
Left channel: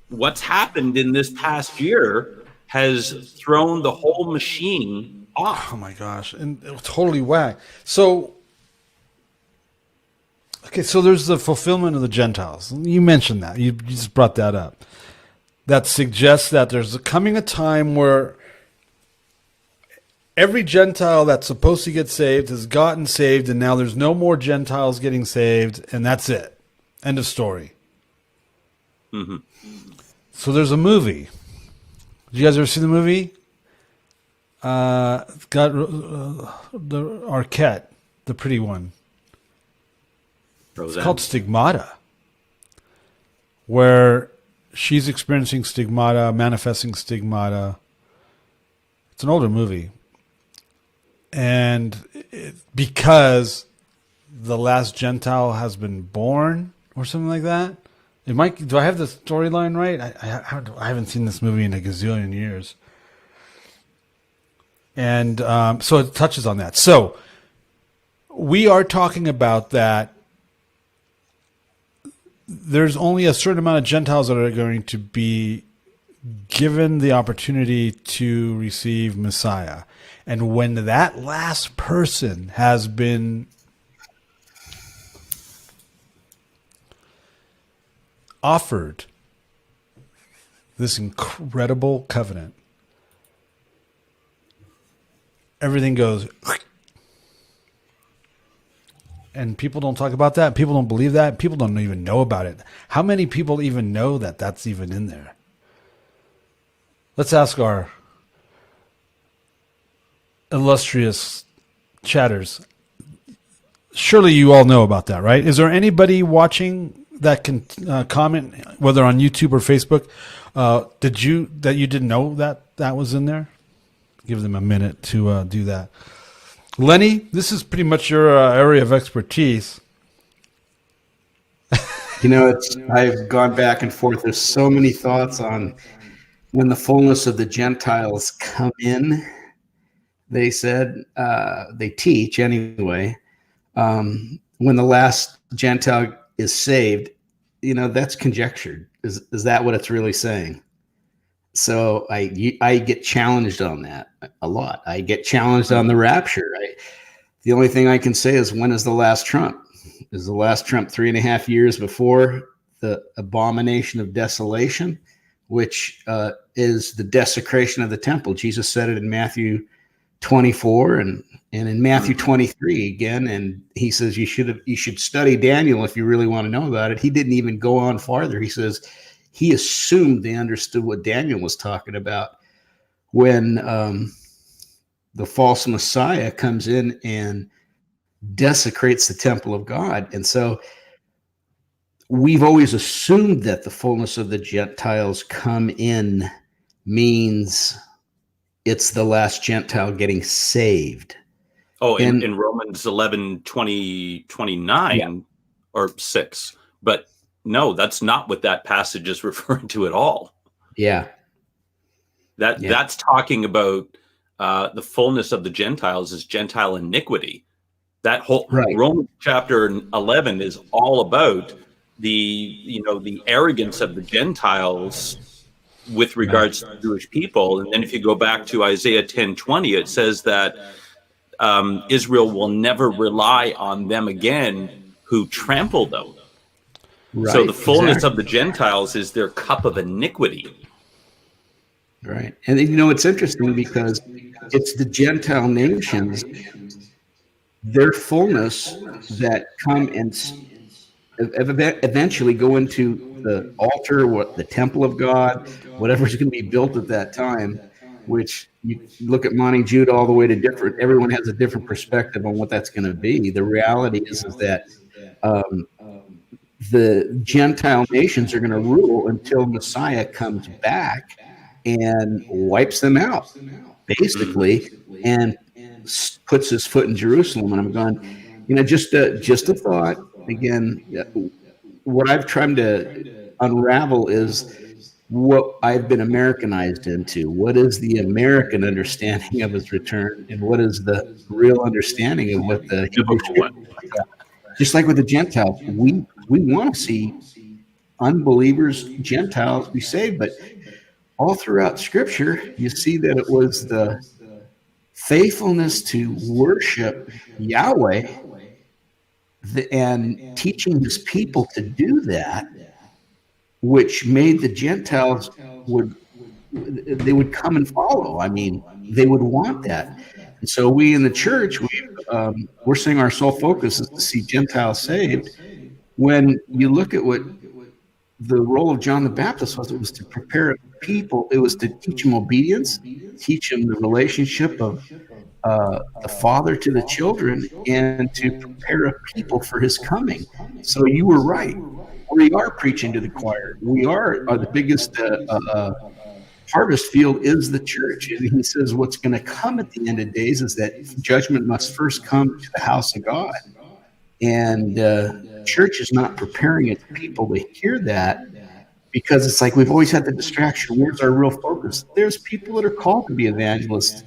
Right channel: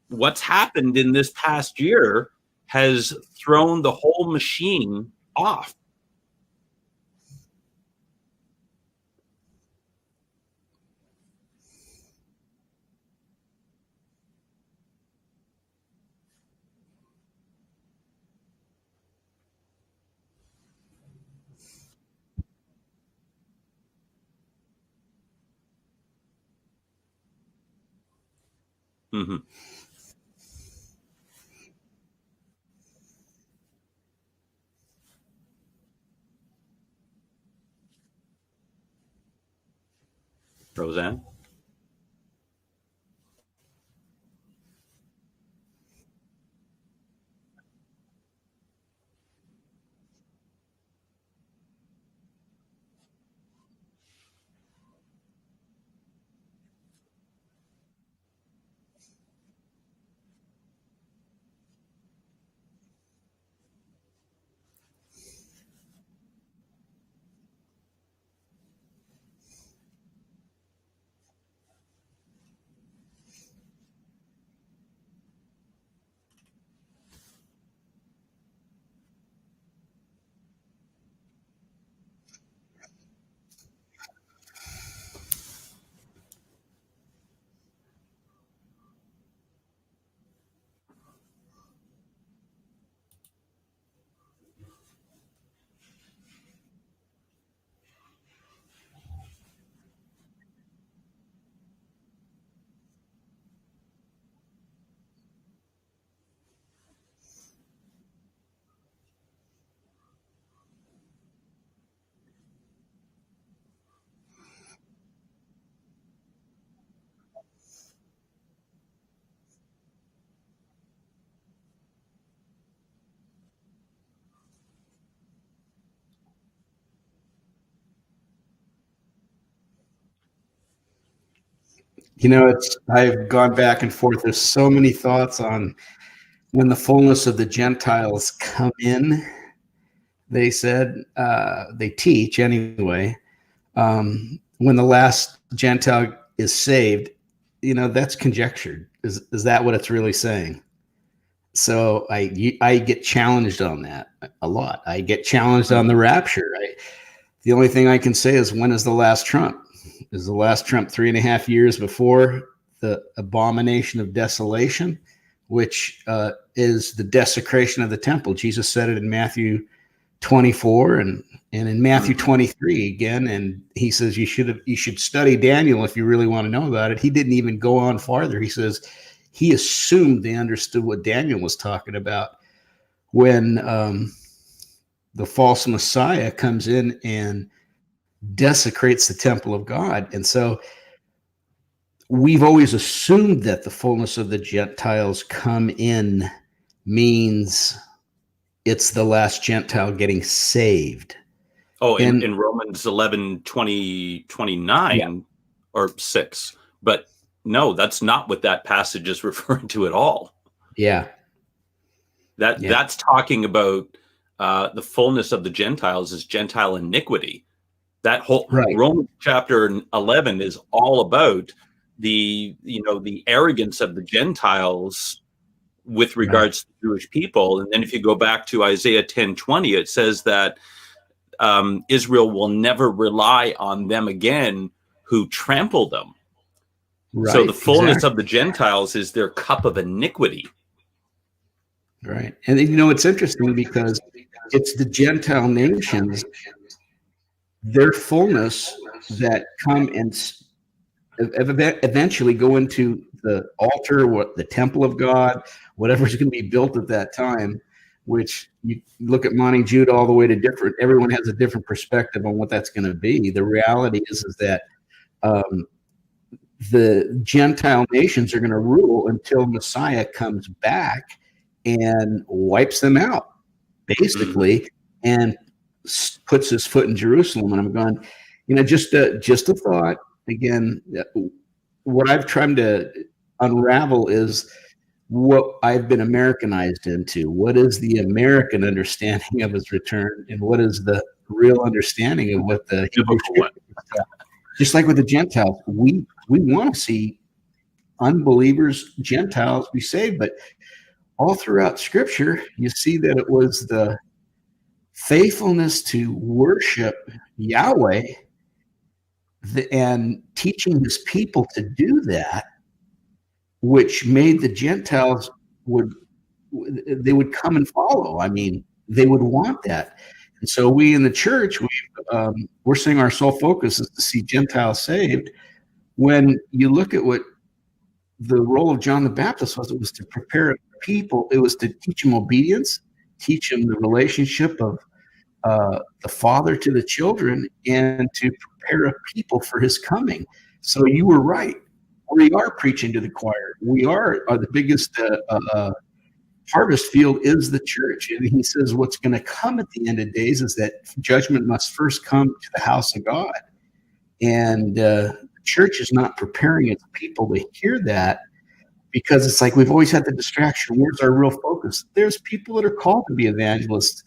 what's happened in this past year has thrown the whole machine off. Oh my gosh. And totally whack. So there's the fulfillment of the Gentiles. You mentioned that. You just brought that up. That suggests that there's coming a time where every Gentile that's supposed to get saved has gotten saved, and now there's no more Gentiles getting saved, and that's it. End of story. Mm-hmm. So there's a movie. Did you guys ever see the movie? It's got the Arquette, the pretty one. Roseanne. It's called Stigmata, where she's experiencing stigmata, manifesting stigmata. It's an older movie. And because the last Gentile has been born or something like that. Do I have the storyline right? I haven't seen this movie in a gazillion years. And so it touches on that. So we are talking about that there's only a certain amount of Gentiles that are going to be given the opportunity to receive Messiah. And when that last person has been offered this incredible covenant, everything goes, and people don't talk about that. People don't believe that. People don't even know about it. How many people even know that that's even in there? Let's ask our illustrious chatters. Surely you all know about that, right? Is there anybody watching that can comment, whether on YouTube or Facebook, that you didn't know that was in there? Give them a minute to do that. Lenny, this is pretty much your area of expertise. I've gone back and forth. There's so many thoughts on when the fullness of the Gentiles come in. They said, they teach anyway, when the last Gentile is saved, that's conjectured. Is that what it's really saying? So I get challenged on that a lot. I get challenged on the rapture. The only thing I can say is, when is the last trump? Is the last trump 3.5 years before the abomination of desolation, which is the desecration of the temple? Jesus said it in Matthew 24 and in Matthew 23 again. And he says you should study Daniel if you really want to know about it. He didn't even go on farther. He says he assumed they understood what Daniel was talking about when the false Messiah comes in and desecrates the temple of God. And so we've always assumed that the fullness of the Gentiles come in means it's the last Gentile getting saved. Oh, in Romans 11, 20, 29 or 6. But No, that's not what that passage is referring to at all. Yeah. That's talking about the fullness of the Gentiles is Gentile iniquity. That whole Romans chapter 11 is all about the arrogance of the Gentiles with regards to the Jewish people. And then if you go back to Isaiah 10:20, it says that Israel will never rely on them again who trample them. Right, so the fullness of the Gentiles is their cup of iniquity. Right. And it's interesting because it's the Gentile nations, their fullness, that come and eventually go into the altar, the temple of God, whatever's going to be built at that time, which you look at Monty Jude all the way to different, everyone has a different perspective on what that's going to be. The reality is that the Gentile nations are going to rule until Messiah comes back and wipes them out, basically, and puts his foot in Jerusalem. And I'm going, just a thought. Again, what I've tried to unravel is what I've been Americanized into. What is the American understanding of his return, and what is the real understanding of what the Hebrew Scripture is? Just like with the Gentiles, we want to see unbelievers, Gentiles, be saved, but all throughout Scripture, you see that it was the faithfulness to worship Yahweh and teaching his people to do that, which made the Gentiles would come and follow. I mean, they would want that. And so we in the church, we're saying our sole focus is to see Gentiles saved. When you look at what the role of John the Baptist was, it was to prepare people. It was to teach them obedience, teach them the relationship of the father to the children, and to prepare a people for his coming. So you were right. We are preaching to the choir. We are the biggest harvest field is the church. And he says what's going to come at the end of days is that judgment must first come to the house of God. And church is not preparing its people to hear that, because it's like we've always had the distraction. Where's our real focus? There's people that are called to be evangelists,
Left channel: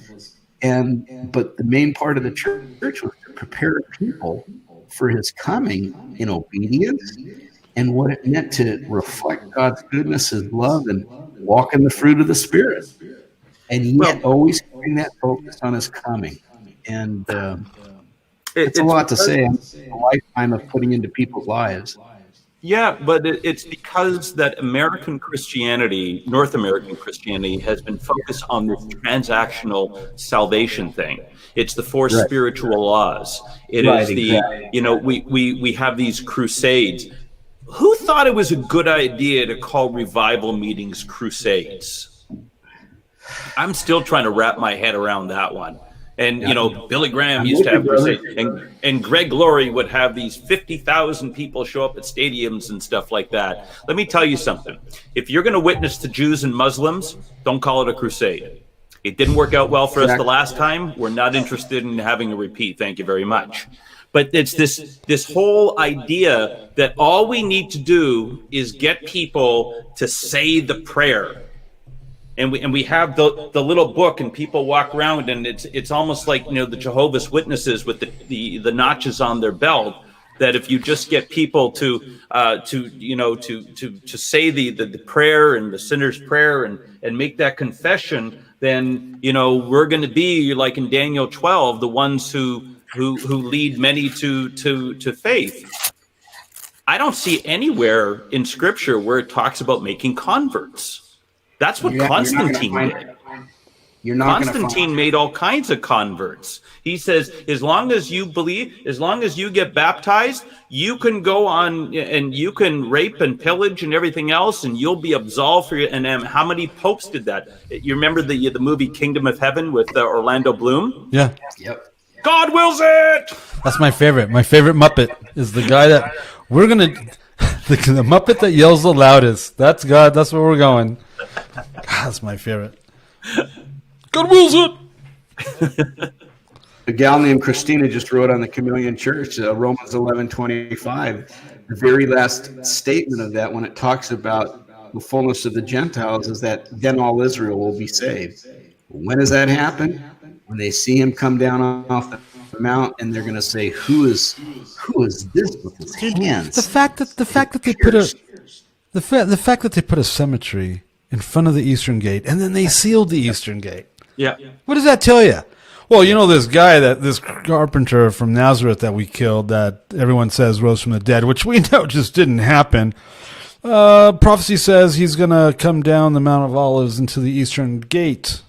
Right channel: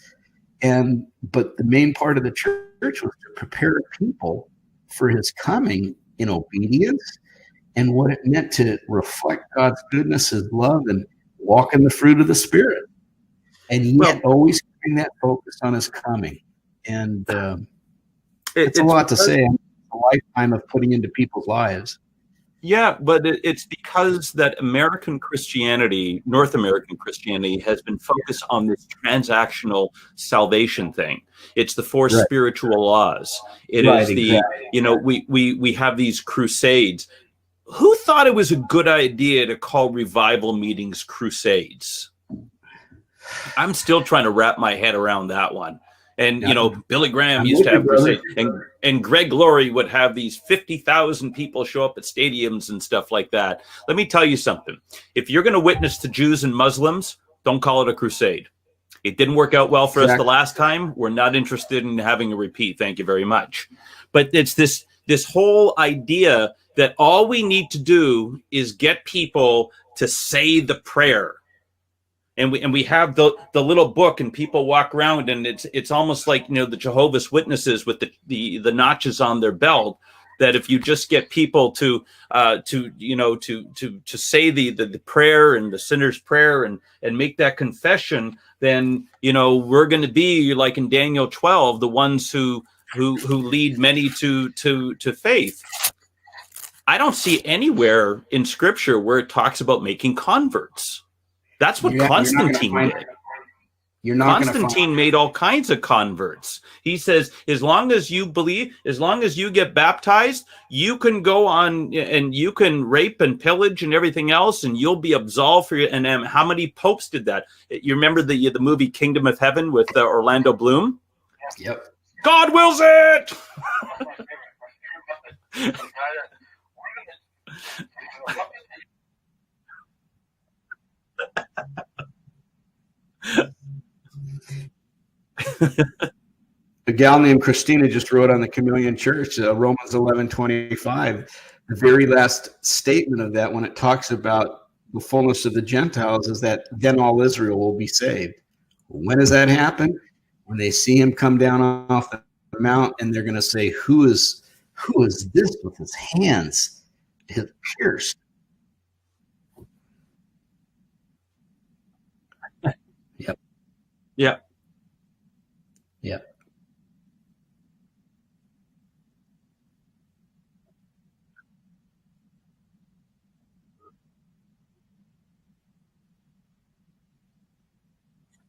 but the main part of the church was to prepare people for his coming in obedience and what it meant to reflect God's goodness, his love, and walk in the fruit of the Spirit, and yet always keeping that focus on his coming. And it's a lot to say. A lifetime of putting into people's lives. Yeah, but it's because that American Christianity, North American Christianity, has been focused on this transactional salvation thing. It's the four spiritual laws. It is we have these crusades. Who thought it was a good idea to call revival meetings crusades? I'm still trying to wrap my head around that one. And, Billy Graham used to have crusades, and Greg Laurie would have these 50,000 people show up at stadiums and stuff like that. Let me tell you something. If you're going to witness to Jews and Muslims, don't call it a crusade. It didn't work out well for us the last time. We're not interested in having a repeat. Thank you very much. But it's this whole idea that all we need to do is get people to say the prayer. And we have the little book, and people walk around, and it's almost like the Jehovah's Witnesses with the notches on their belt. That if you just get people to say the prayer and the sinner's prayer and make that confession, then we're going to be like in Daniel 12, the ones who lead many to faith. I don't see anywhere in Scripture where it talks about making converts. That's what Constantine did. Constantine made all kinds of converts. He says, as long as you believe, as long as you get baptized, you can go on and you can rape and pillage and everything else, and you'll be absolved for your. And how many popes did that? You remember the movie Kingdom of Heaven with Orlando Bloom? Yeah. Yep. God wills it. That's my favorite. My favorite Muppet is the guy that we're gonna. The Muppet that yells the loudest. That's God. That's where we're going. God, that's my favorite. God wills it. A gal named Christina just wrote on the Chameleon Church, Romans 11:25. the very last statement of that, when it talks about the fullness of the Gentiles, is that then all Israel will be saved. When does that happen? When they see him come down off the mount, and they're going to say, "Who is this with his hands?" The fact that they put a cemetery in front of the Eastern Gate, and then they sealed the Eastern Gate. Yeah. What does that tell you? Well, you know, this carpenter from Nazareth that we killed, that everyone says rose from the dead, which we know just didn't happen. Prophecy says he's going to come down the Mount of Olives into the Eastern Gate.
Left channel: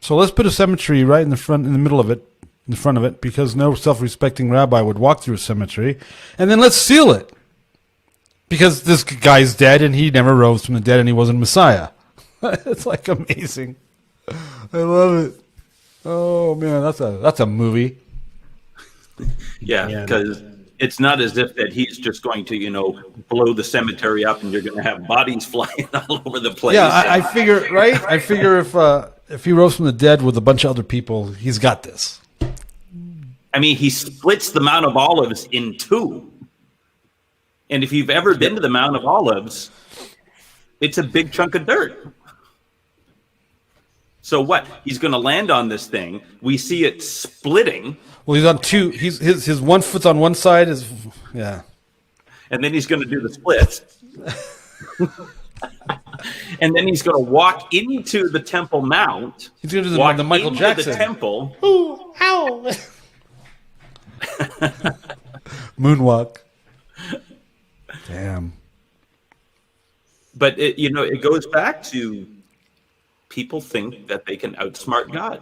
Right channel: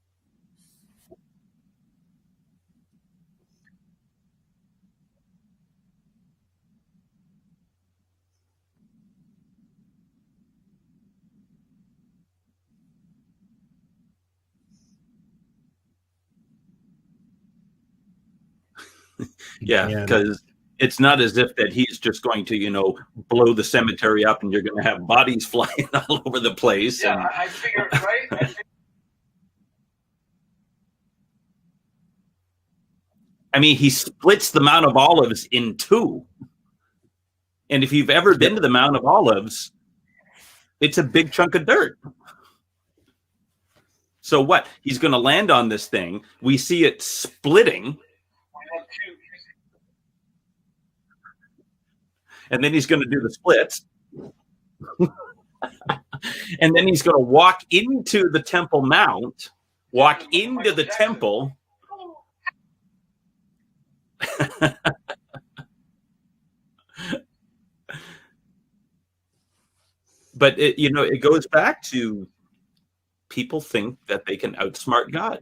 So let's put a cemetery right in the middle of it, in front of it, because no self-respecting rabbi would walk through a cemetery. And then let's seal it, because this guy's dead and he never rose from the dead and he wasn't Messiah. It's like amazing. I love it. Oh man, that's a movie. Yeah, because it's not as if that he's just going to, you know, blow the cemetery up and you're going to have bodies flying all over the place. Yeah, I figure, right? I figure if he rose from the dead with a bunch of other people, he's got this. I mean, he splits the Mount of Olives in two. And if you've ever been to the Mount of Olives, it's a big chunk of dirt. So what? He's going to land on this thing. We see it splitting. Well, he's on two. His 1 foot's on one side. Yeah. And then he's going to do the splits. And then he's going to walk into the Temple Mount. He's going to do walk the Michael into Jackson. the temple. Ooh, ow. Moonwalk. Damn. But it goes back to people think that they can outsmart God.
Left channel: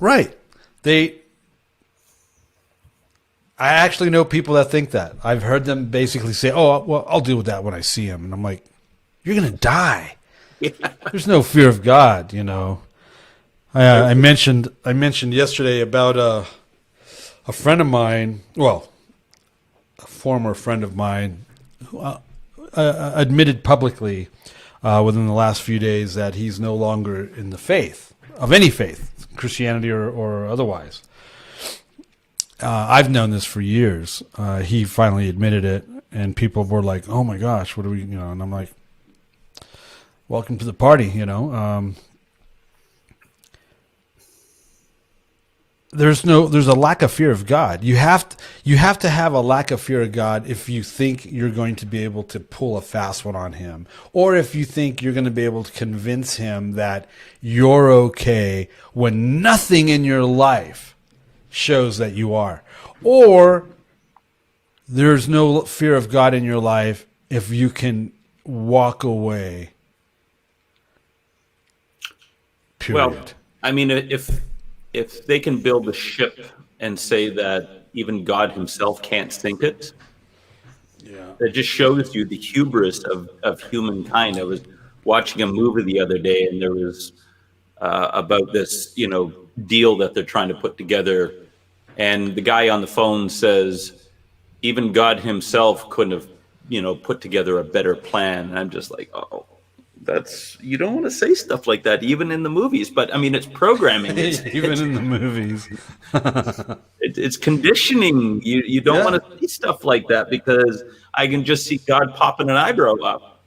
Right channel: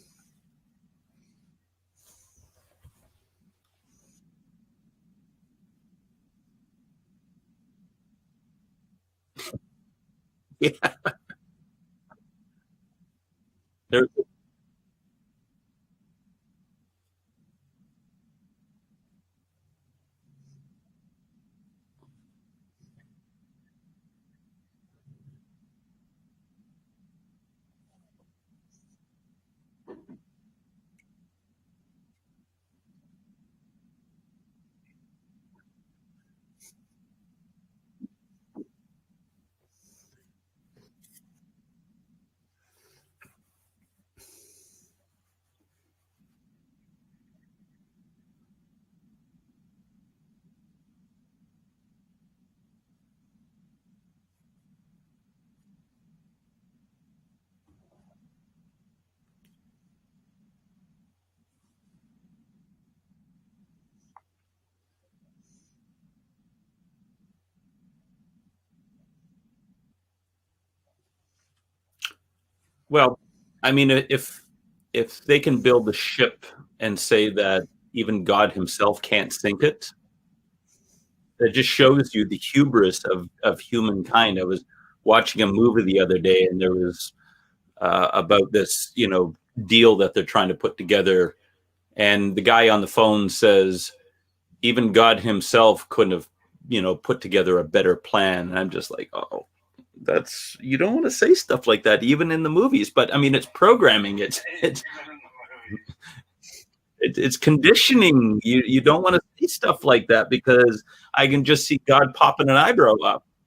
Right. I actually know people that think that. I've heard them basically say, "Oh, well, I'll deal with that when I see him." And I'm like, "You're gonna die." Yeah. There's no fear of God, you know. I mentioned yesterday about a friend of mine, well, a former friend of mine, who admitted publicly within the last few days that he's no longer in the faith, of any faith, Christianity or otherwise. I've known this for years. He finally admitted it, and people were like, "Oh my gosh, what are we?" And I'm like, "Welcome to the party," There's a lack of fear of God. You have to have a lack of fear of God if you think you're going to be able to pull a fast one on him, or if you think you're going to be able to convince him that you're okay when nothing in your life shows that you are. Or there's no fear of God in your life if you can walk away. Period. Well, I mean, if they can build a ship and say that even God himself can't sink it, that just shows you the hubris of humankind. I was watching a movie the other day, and there was about this, deal that they're trying to put together. And the guy on the phone says, even God himself couldn't have, put together a better plan. And I'm just like, oh, you don't want to say stuff like that, even in the movies. But I mean, it's programming. Even in the movies. It's conditioning. You don't want to say stuff like that, because I can just see God popping an eyebrow up.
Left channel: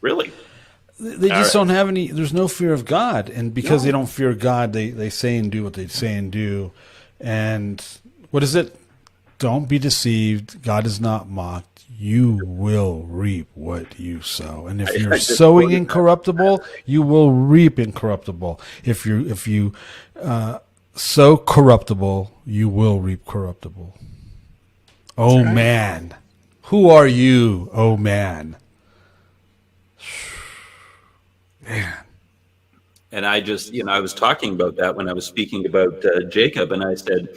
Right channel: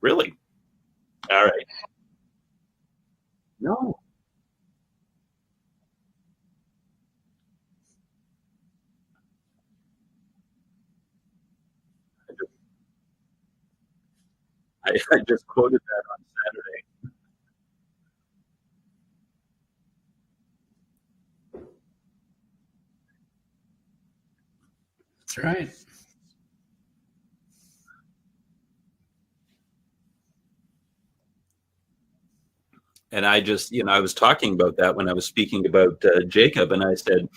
Really? They just don't have any, there's no fear of God. And because they don't fear God, they say and do what they say and do. And what is it? Don't be deceived. God is not mocked. You will reap what you sow. And if you're sowing incorruptible, you will reap incorruptible. If you sow corruptible, you will reap corruptible. Oh, right. Man. Who are you, oh, man? Man. And I just, I was talking about that when I was speaking about Jacob, and I said,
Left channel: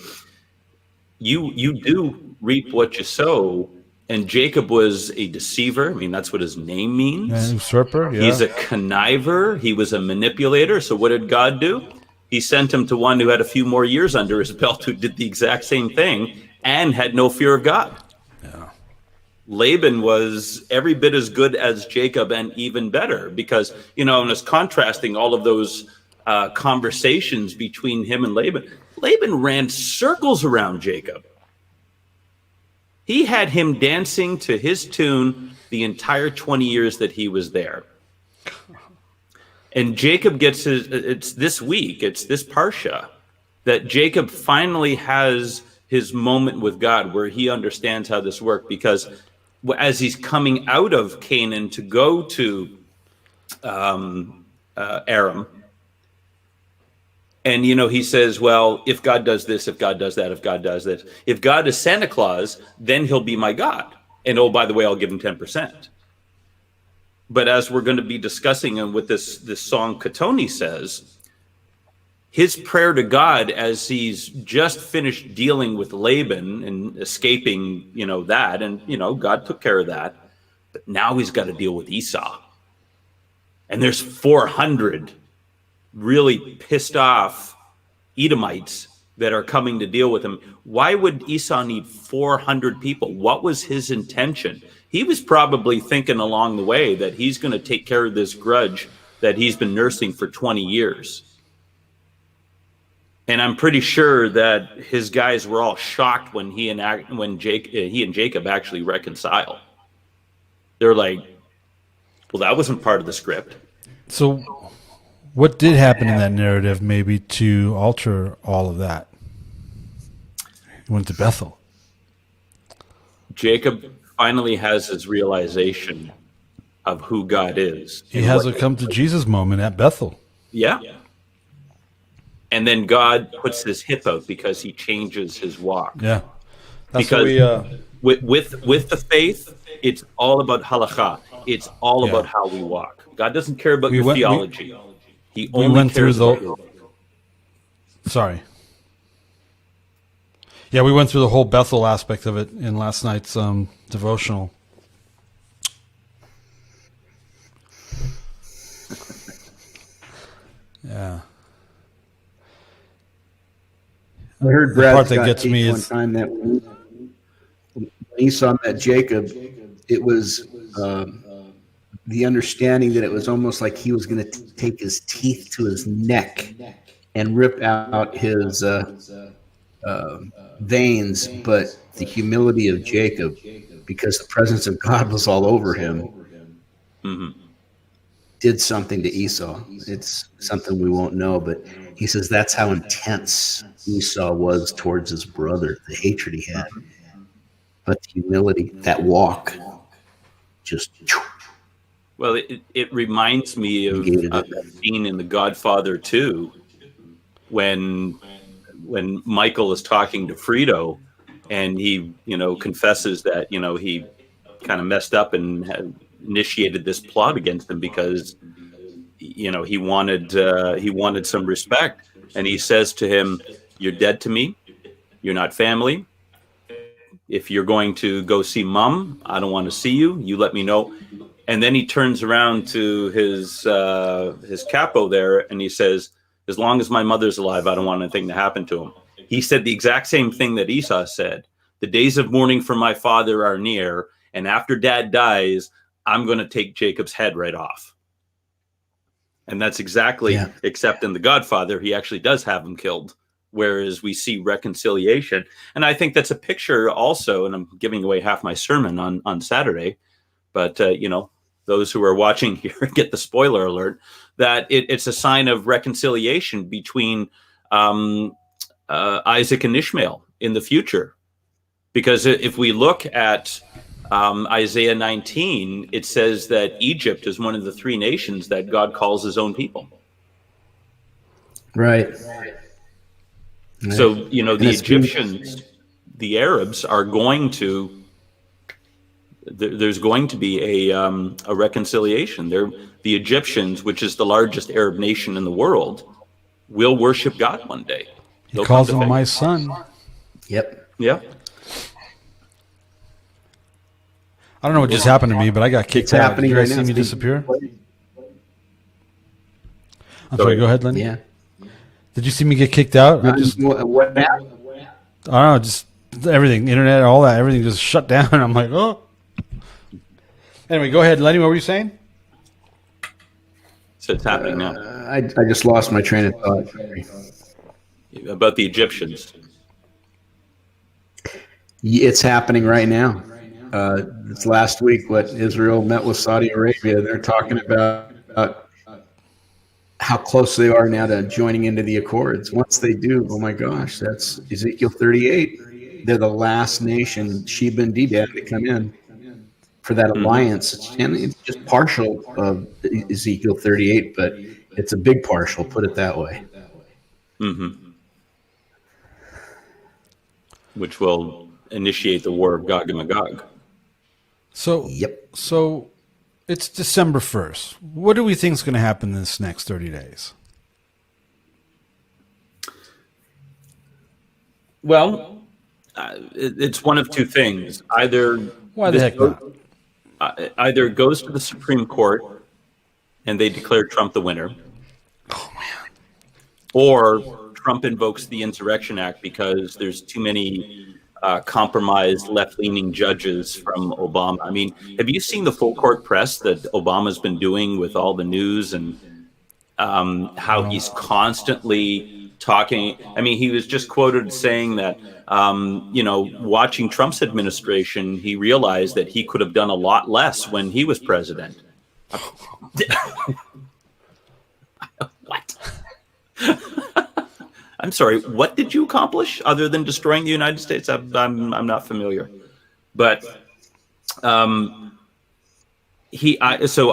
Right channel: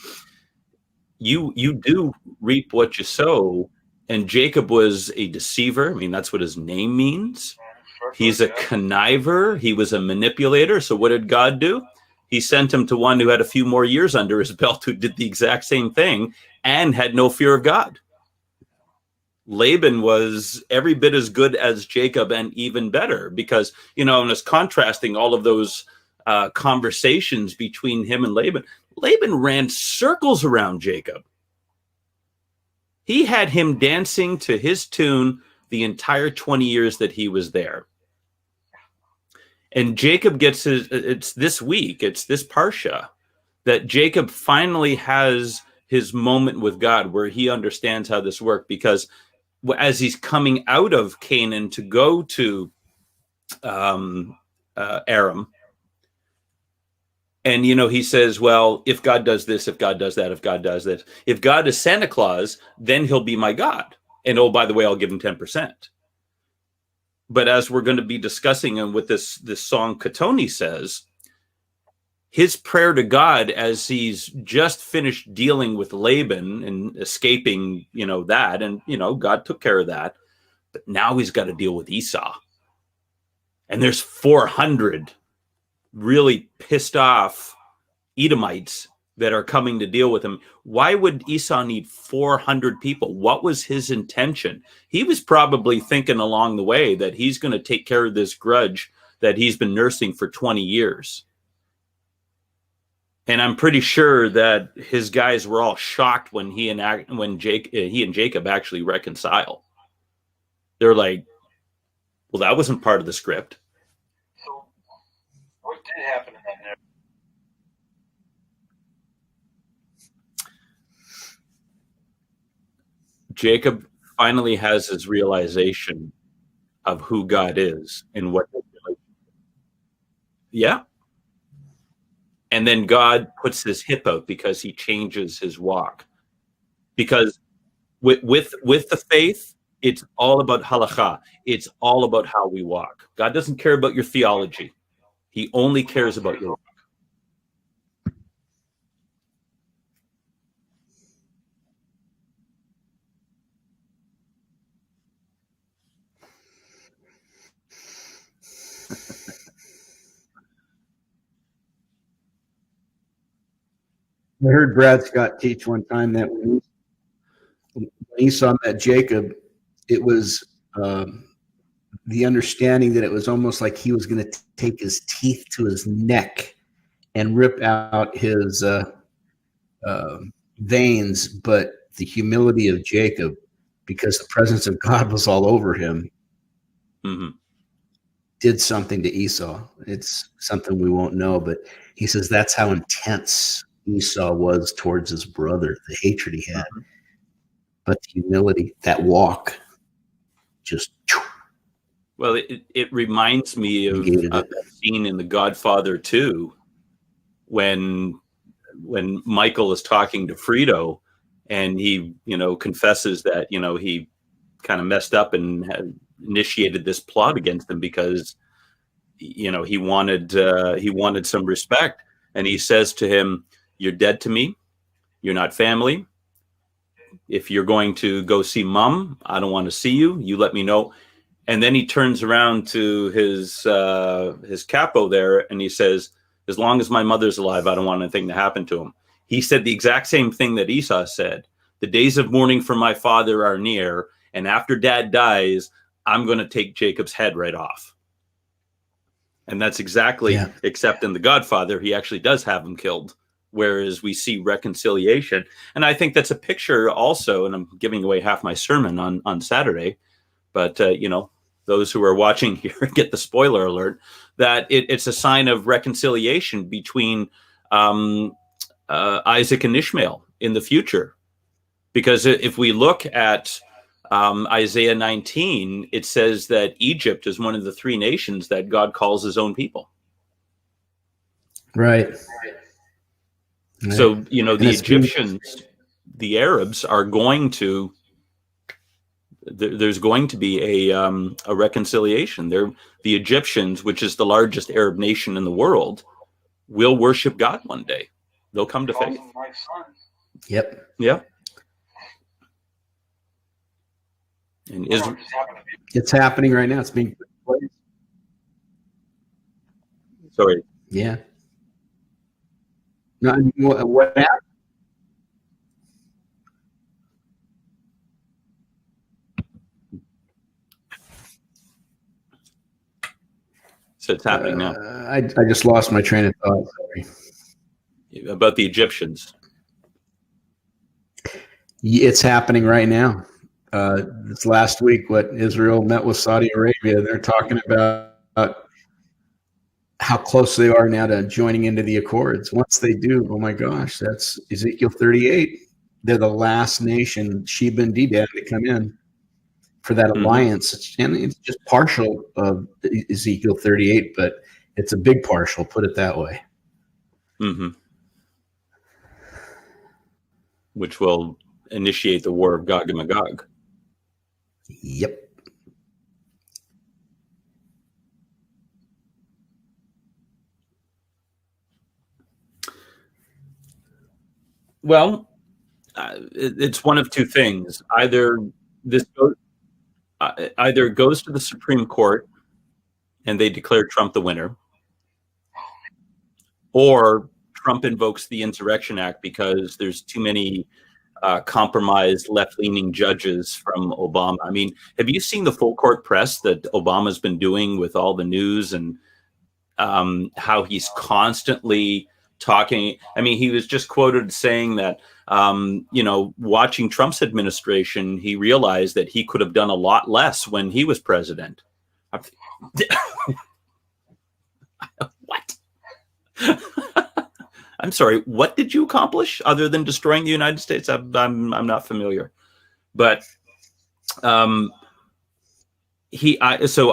you do reap what you sow. And Jacob was a deceiver. I mean, that's what his name means. Usurper, yeah. He's a conniver. He was a manipulator. So what did God do? He sent him to one who had a few more years under his belt, who did the exact same thing and had no fear of God. Yeah. Laban was every bit as good as Jacob and even better, because, and it's contrasting all of those conversations between him and Laban. Laban ran circles around Jacob. He had him dancing to his tune the entire 20 years that he was there. And Jacob gets it's this week, it's this Parsha, that Jacob finally has his moment with God where he understands how this worked, because as he's coming out of Canaan to go to Aram, and, he says, well, if God does this, if God does that, if God does this, if God is Santa Claus, then he'll be my God. And, oh, by the way, I'll give him 10%. But as we're going to be discussing, and what this song Katoni says, his prayer to God as he's just finished dealing with Laban and escaping, that, and, God took care of that. But now he's got to deal with Esau. And there's 400 really pissed off Edomites that are coming to deal with him. Why would Esau need 400 people? What was his intention? He was probably thinking along the way that he's going to take care of this grudge that he's been nursing for 20 years. And I'm pretty sure that his guys were all shocked when he and Jacob actually reconcile. They're like, well, that wasn't part of the script. So what did happen in that narrative maybe to alter all of that? He went to Bethel. Jacob finally has his realization of who God is. He has a come to Jesus moment at Bethel. Yeah. And then God puts his hip out because he changes his walk. Yeah. Because with the faith, it's all about halakha. It's all about how we walk. God doesn't care about your theology. He only cares about your walk. Sorry. Yeah, we went through the whole Bethel aspect of it in last night's devotional. Yeah. I heard Brad Scott gets me teach one time that when Esau met Jacob, it was the understanding that it was almost like he was going to take his teeth to his neck and rip out his veins, but the humility of Jacob, because the presence of God was all over him, did something to Esau. It's something we won't know, but he says that's how intense Esau was towards his brother, the hatred he had. But the humility, that walk, just... Well, it reminds me of a scene in The Godfather 2 when Michael is talking to Frito and he, confesses that, he kind of messed up and had initiated this plot against him because, he wanted some respect. And he says to him, "You're dead to me. You're not family. If you're going to go see Mom, I don't want to see you. You let me know." And then he turns around to his capo there and he says, "As long as my mother's alive, I don't want anything to happen to him." He said the exact same thing that Esau said. The days of mourning for my father are near, and after Dad dies, I'm going to take Jacob's head right off. And that's exactly, except in The Godfather, he actually does have him killed, whereas we see reconciliation. And I think that's a picture also, and I'm giving away half my sermon on Saturday, but, those who are watching here get the spoiler alert, that it's a sign of reconciliation between Isaac and Ishmael in the future. Because if we look at Isaiah 19, it says that Egypt is one of the three nations that God calls his own people. Right. So, the Egyptians, the Arabs are going to, there's going to be a reconciliation. The Egyptians, which is the largest Arab nation in the world, will worship God one day. He calls him my son. Yep. Yep. I don't know what just happened to me, but I got kicked It's out. happening right now. Did you disappear? I'm sorry, go ahead, Lenny. Yeah. Did you see me get kicked out? What happened? I don't know, just everything, internet, all that, everything just shut down. I'm like, oh. Anyway, go ahead, Lenny. What were you saying? So it's happening now. I just lost my train of thought. Sorry. About the Egyptians. It's happening right now. This last week, what Israel met with Saudi Arabia, they're talking about how close they are now to joining into the Accords. Once they do, oh my gosh, that's Ezekiel 38. They're the last nation, Sheba and Dedan, to come in for that alliance. And it's just partial of Ezekiel 38, but it's a big partial, put it that way. Which will initiate the war of Gog and Magog. So, Yep. So it's December 1st. What do we think is going to happen in this next 30 days? Well, it's one of two things. Either Why the heck not? Either it goes to the Supreme Court and they declare Trump the winner, or Trump invokes the Insurrection Act because there's too many compromised left-leaning judges from Obama. I mean, have you seen the full court press that Obama's been doing with all the news and how he's constantly talking? I mean, he was just quoted saying that, watching Trump's administration, he realized that he could have done a lot less when he was president. What? I'm sorry. What did you accomplish other than destroying the United States? I'm not familiar, but so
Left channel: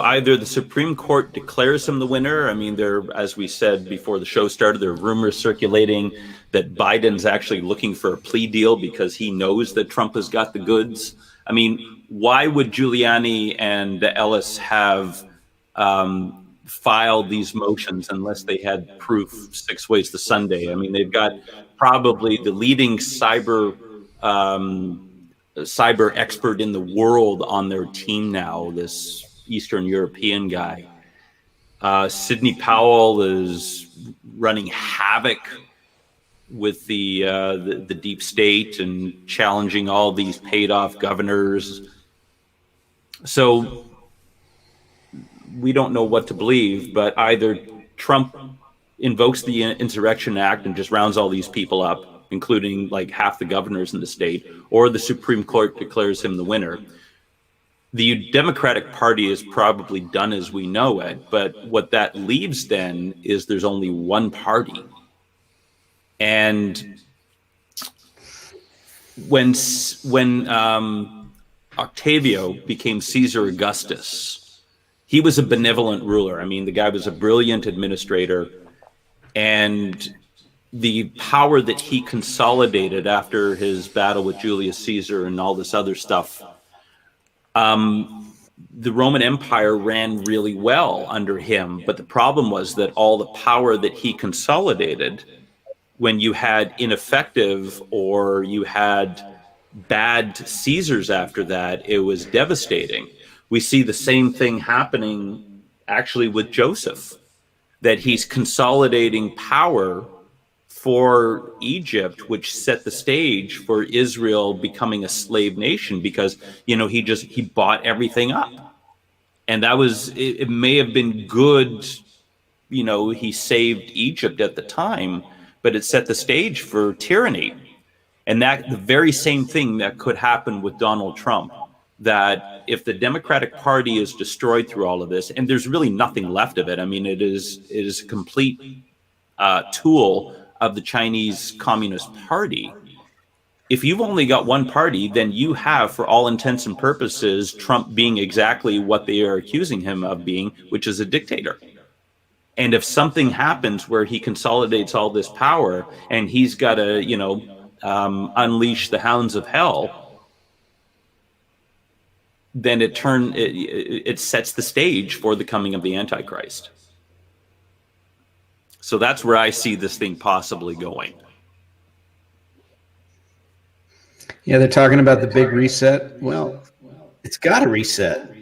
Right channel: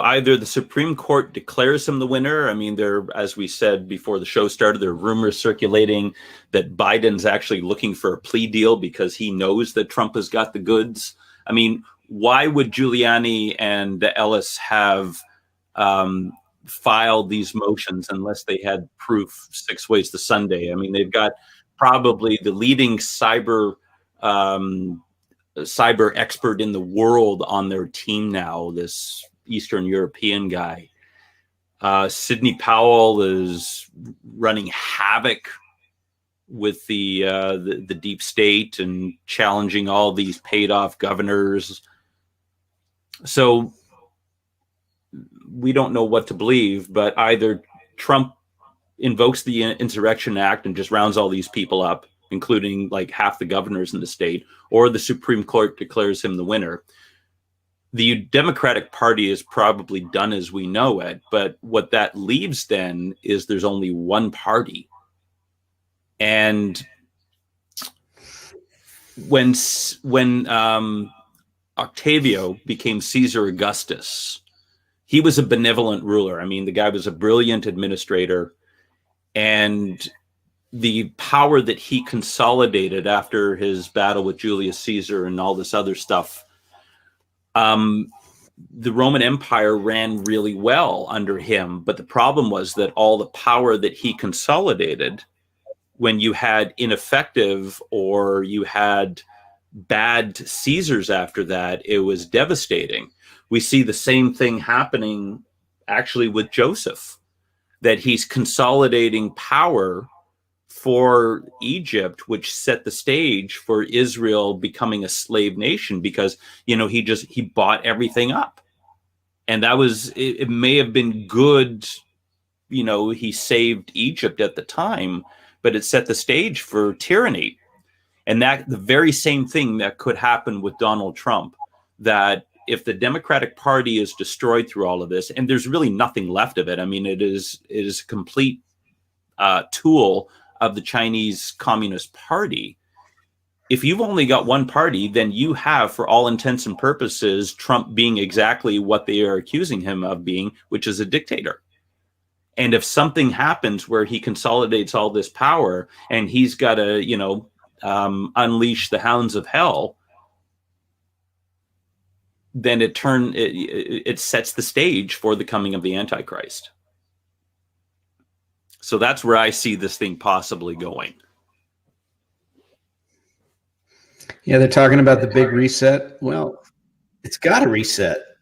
either the Supreme Court declares him the winner. I mean, as we said before the show started, there are rumors circulating that Biden's actually looking for a plea deal because he knows that Trump has got the goods. I mean, why would Giuliani and Ellis have filed these motions unless they had proof 6 ways to Sunday? I mean, they've got probably the leading cyber expert in the world on their team now, this Eastern European guy. Sidney Powell is running havoc with the deep state and challenging all these paid off governors. So we don't know what to believe, but either Trump invokes the Insurrection Act and just rounds all these people up, including like half the governors in the state, or the Supreme Court declares him the winner. The Democratic Party is probably done as we know it, but what that leaves then is there's only one party. And when Octavio became Caesar Augustus, he was a benevolent ruler. I mean, the guy was a brilliant administrator, and the power that he consolidated after his battle with Julius Caesar and all this other stuff, the Roman Empire ran really well under him. But the problem was that all the power that he consolidated, when you had ineffective or you had bad Caesars after that, it was devastating. We see the same thing happening actually with Joseph, that he's consolidating power for Egypt, which set the stage for Israel becoming a slave nation because, he bought everything up. And that was, it may have been good, he saved Egypt at the time, but it set the stage for tyranny. And that the very same thing that could happen with Donald Trump, that if the Democratic Party is destroyed through all of this, and there's really nothing left of it. I mean, it is a complete tool of the Chinese Communist Party. If you've only got one party, then you have, for all intents and purposes, Trump being exactly what they are accusing him of being, which is a dictator. And if something happens where he consolidates all this power and he's got to, unleash the hounds of hell, then it sets the stage for the coming of the Antichrist. So that's where I see this thing possibly going. Yeah, they're talking about the big reset. Well, it's got to reset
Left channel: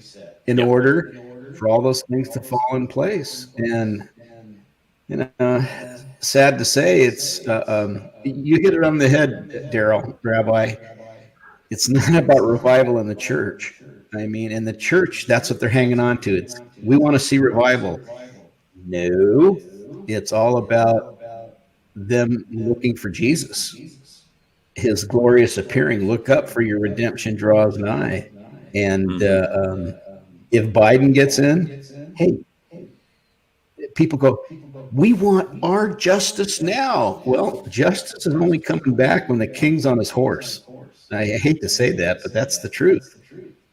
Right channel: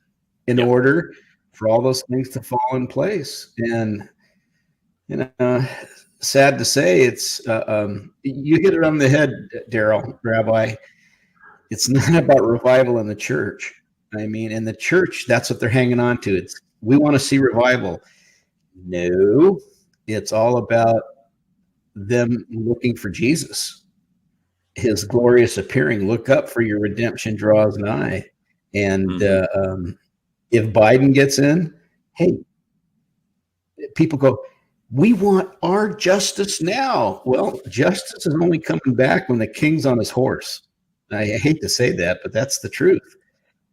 in order for all those things to fall in place. And, sad to say, it's you hit it on the head, Darryl, Rabbi. It's not about revival in the church. I mean, in the church, that's what they're hanging on to. We want to see revival. No, it's all about them looking for Jesus his glorious appearing. Look up, for your redemption draws nigh. And if Biden gets in, hey, people go, we want our justice now. Well, justice is only coming back when the king's on his horse. I hate to say that, but that's the truth.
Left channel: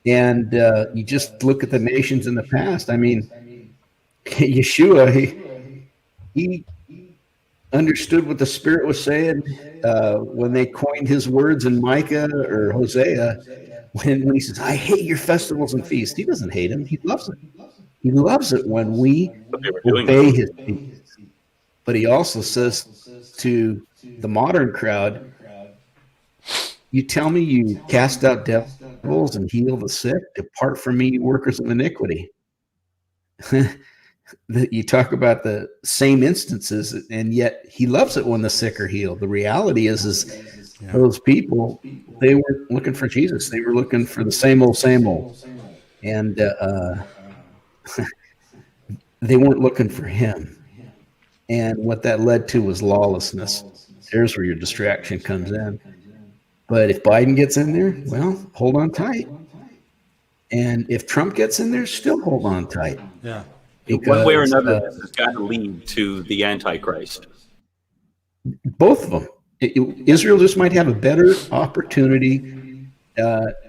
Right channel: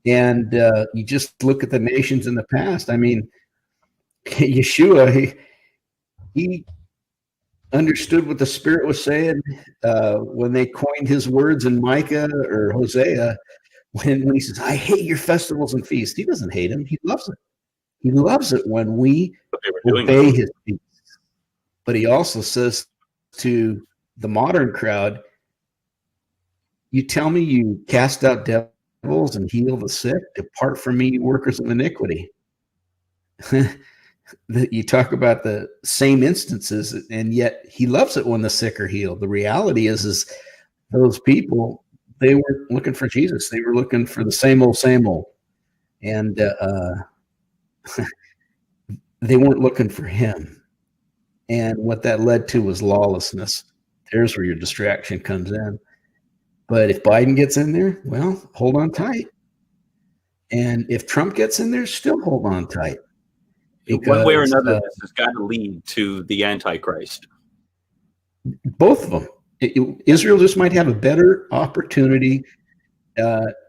And you just look at the nations in the past. I mean, Yeshua, he understood what the Spirit was saying when they coined his words in Micah or Hosea, when he says, I hate your festivals and feasts. He doesn't hate them. He loves it. He loves it when we obey his feasts. But he also says to the modern crowd, you tell me you cast out devils and heal the sick. Depart from me, you workers of iniquity. You talk about the same instances, and yet he loves it when the sick are healed. The reality is those people, they weren't looking for Jesus. They were looking for the same old, same old. And they weren't looking for him. And what that led to was lawlessness. There's where your distraction comes in. But if Biden gets in there, well, hold on tight. And if Trump gets in there, still hold on tight. Yeah. Because, one way or another, this has got to lead to the Antichrist. Both of them. Israel just might have a better opportunity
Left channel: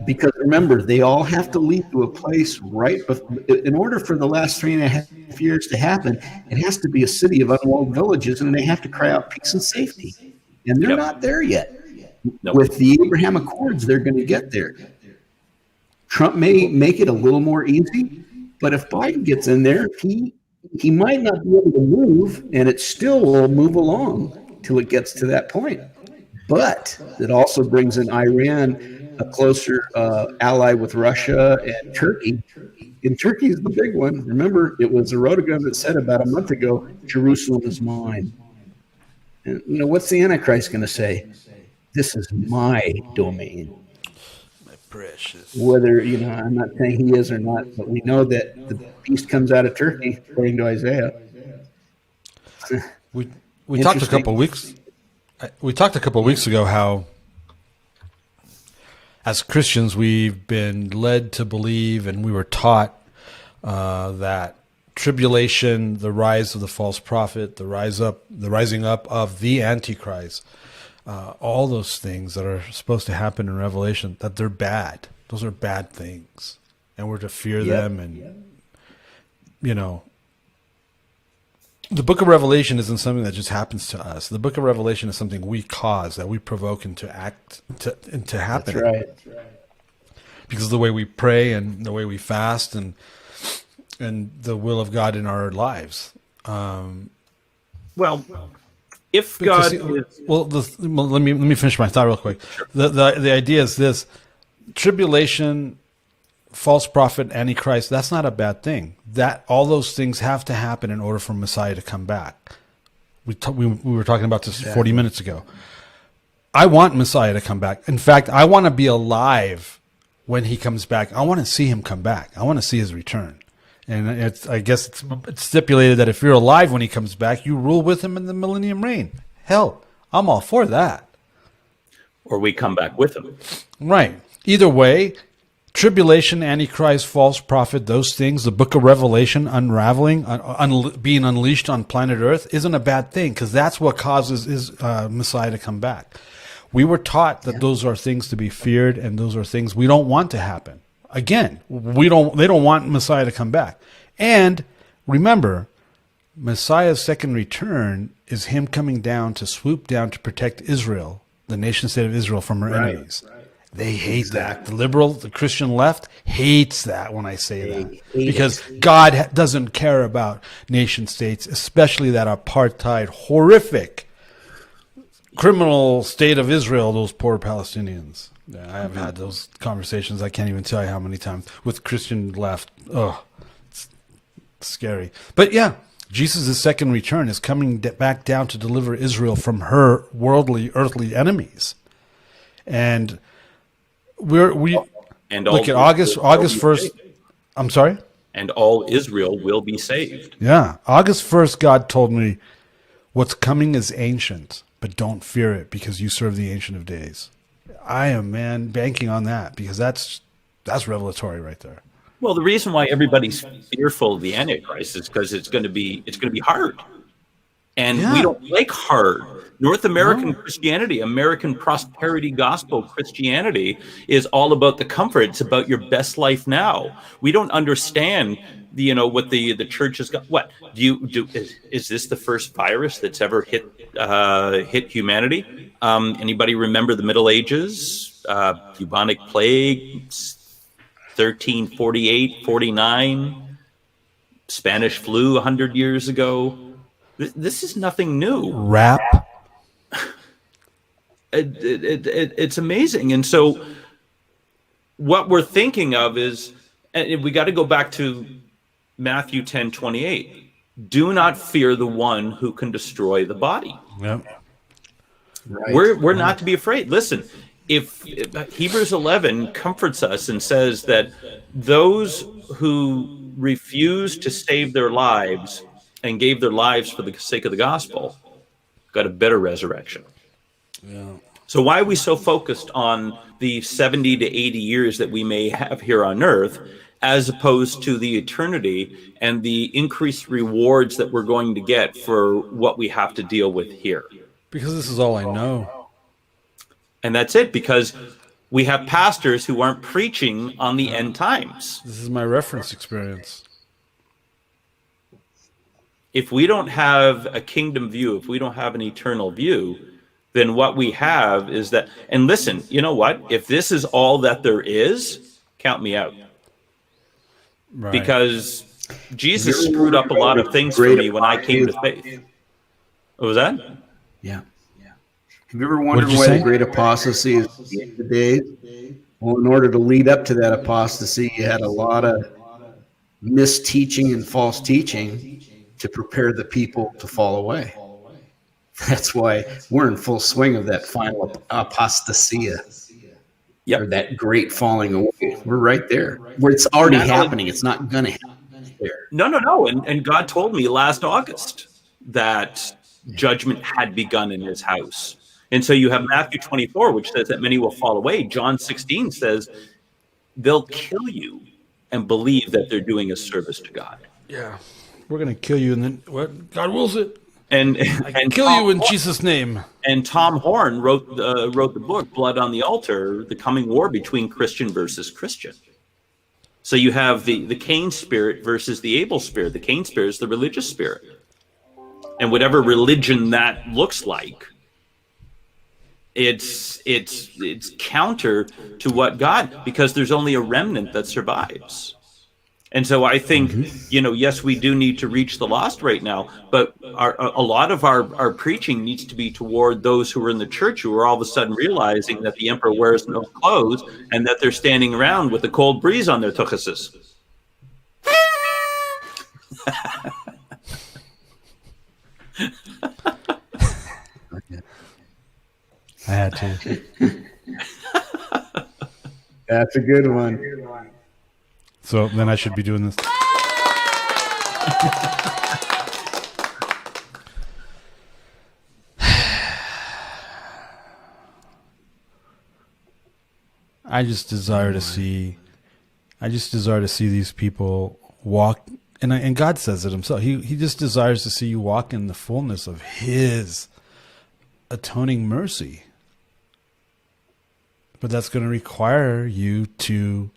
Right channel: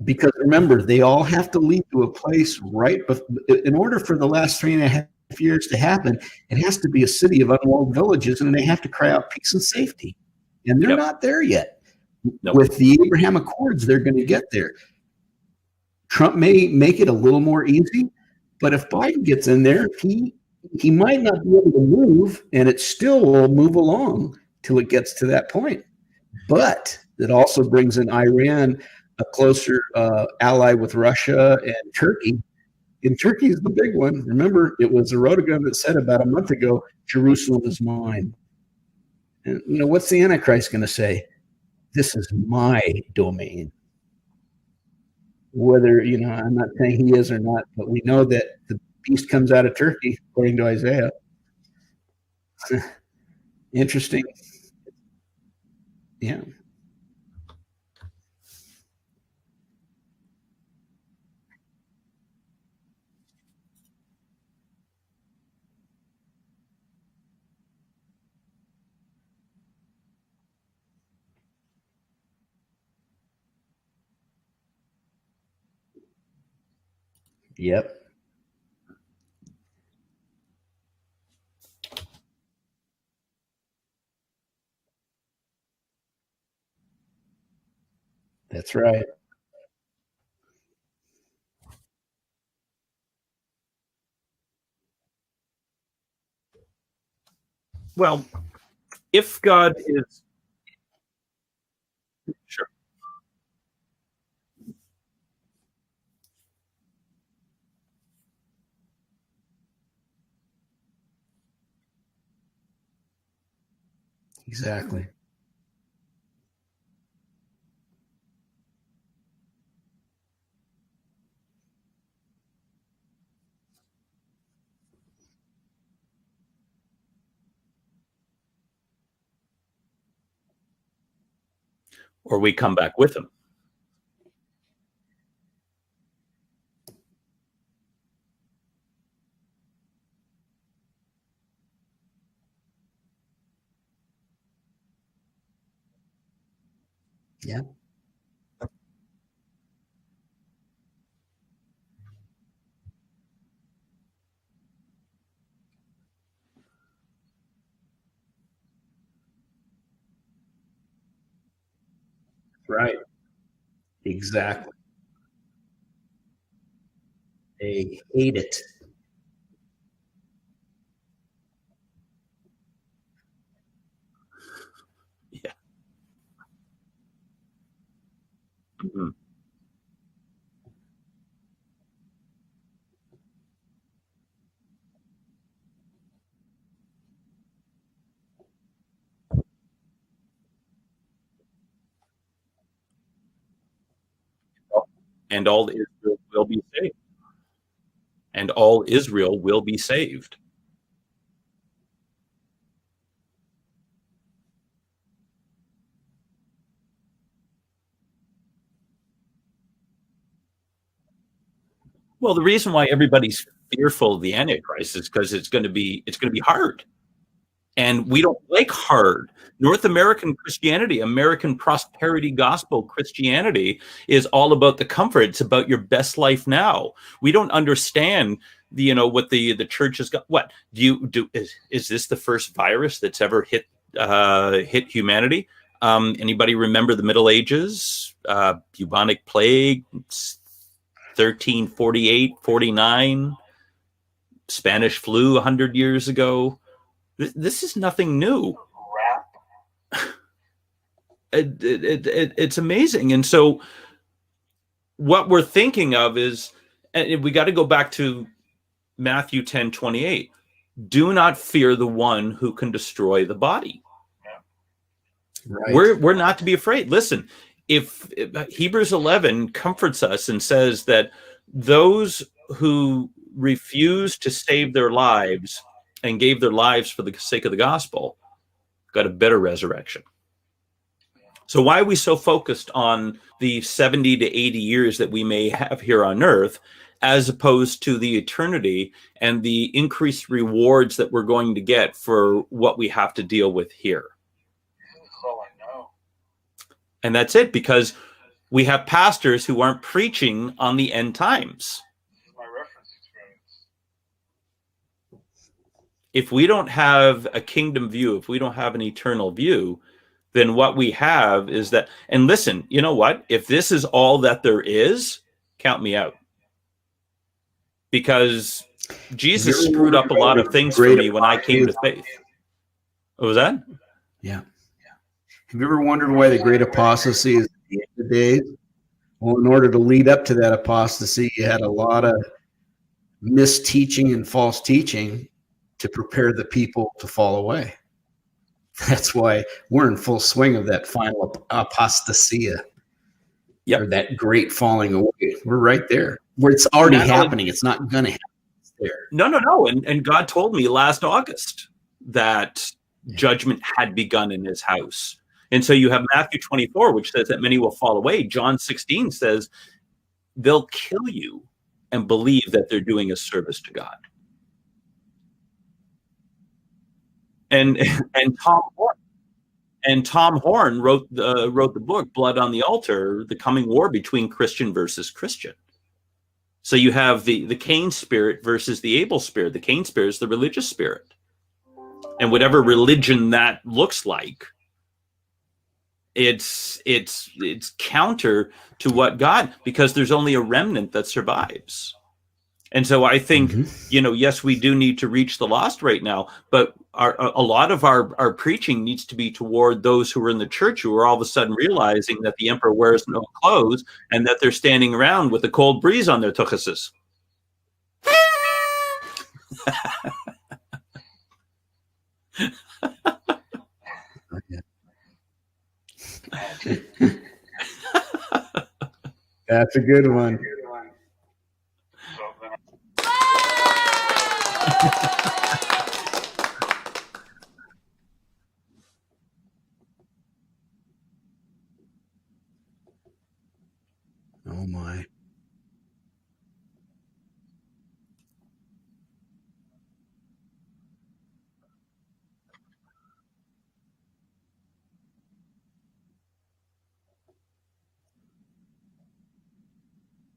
because, remember, they all have to lead to a place in order for the last 3.5 years to happen, it has to be a city of unwalled villages, and they have to cry out peace and safety. And they're not there yet. Nope. With the Abraham Accords, they're going to get there. Trump may make it a little more easy, but if Biden gets in there, he might not be able to move, and it still will move along till it gets to that point. But it also brings in Iran, a closer ally with Russia and Turkey. And Turkey is the big one. Remember, it was Erdogan that said about a month ago, Jerusalem is mine. And, what's the Antichrist going to say? This is my domain. My precious. Whether, I'm not saying he is or not, but we know that the beast comes out of Turkey, according to Isaiah. We talked a couple of weeks. We talked a couple of weeks ago how, as Christians, we've been led to believe, and we were taught that tribulation, the rise of the false prophet, the rising up of the Antichrist, all those things that are supposed to happen in Revelation, that they're bad. Those are bad things, and we're to fear them. And the book of Revelation isn't something that just happens to us. The book of Revelation is something we cause, that we provoke into act to happen. That's right. Because of the way we pray and the way we fast and the will of God in our lives. Well, if God is... let me finish my thought real quick. Sure. The idea is this: tribulation, false prophet, Antichrist, that's not a bad thing. That all those things have to happen in order for Messiah to come back. We were talking about this 40 minutes ago. I want Messiah to come back. In fact, I want to be alive when he comes back. I want to see him come back. I want to see his return. And I guess it's stipulated that if you're alive when he comes back, you rule with him in the millennium reign. Hell, I'm all for that. Or we come back with him. Right. Either way, tribulation, Antichrist, false prophet, those things, the book of Revelation unraveling, being unleashed on planet Earth isn't a bad thing, because that's what causes Messiah to come back. We were taught that those are things to be feared, and those are things we don't want to happen. Again, they don't want Messiah to come back. And remember, Messiah's second return is him coming down to swoop down to protect Israel, the nation state of Israel, from her enemies. They hate that. The Christian left hates that when I say that. Because God doesn't care about nation states, especially that apartheid, horrific, criminal state of Israel, those poor Palestinians. Yeah, I have had those conversations. I can't even tell you how many times with Christian left. Oh, it's scary. But yeah, Jesus' second return is coming back down to deliver Israel from her worldly, earthly enemies. And look at August 1st. I'm sorry? And all Israel will be saved. Yeah. August 1st, God told me what's coming is ancient. but don't fear it because you serve the Ancient of Days. I am, man, banking on that because that's revelatory right there. Well, the reason why everybody's fearful of the Antichrist is because it's going to be hard. And we don't like hard. North American Christianity, American prosperity gospel Christianity is all about the comfort. It's about your best life now. We don't understand what the church has got. What is this the first virus that's ever hit humanity? Anybody remember the Middle Ages? Bubonic plague, 1348, 49, Spanish flu 100 years ago. This is nothing new. Rap. It's amazing. And so what we're thinking of is, and we got to go back to Matthew 10:28. Do not fear the one who can destroy the body. Yep. Right. We're not to be afraid. Listen, if Hebrews 11 comforts us and says that those who refuse to save their lives and gave their lives for the sake of the gospel got a better resurrection. Yeah. So why are we so focused on the 70 to 80 years that we may have here on earth, as opposed to the eternity and the increased rewards that we're going to get for what we have to deal with here? Because this is all I know. And that's it, because we have pastors who aren't preaching on the end times. This is my reference experience. If we don't have a kingdom view, if we don't have an eternal view, then what we have is that, and listen, you know what? If this is all that there is, count me out. Right. Because Jesus screwed up a lot of things for me when I came to faith. What was that? Yeah. Have you ever wondered why the great apostasy is at the end of the days? Well, in order to lead up to that apostasy, you had a lot of misteaching and false teaching to prepare the people to fall away. That's why we're in full swing of that final apostasia. Yep. Or that great falling away. We're right there. Where it's already happening. It's not going to happen there. No. And God told me last August that judgment had begun in his house. And so you have Matthew 24, which says that many will fall away. John 16 says they'll kill you and believe that they're doing a service to God. Yeah. We're going to kill you, and then what? God wills it. And kill you in Jesus' name. And Tom Horn wrote the book Blood on the Altar: The Coming War Between Christian versus Christian. So you have the Cain spirit versus the Abel spirit. The Cain spirit is the religious spirit, and whatever religion that looks like, it's counter to what God, because there's only a remnant that survives. And so I think, yes, we do need to reach the lost right now, but a lot of our preaching needs to be toward those who are in the church who are all of a sudden realizing that the emperor wears no clothes and that they're standing around with a cold breeze on their tuchuses. I had to. That's a good one. So then I should be doing this. I just desire to see these people walk, and God says it himself. He just desires to see you walk in the fullness of his atoning mercy. But that's going to require you to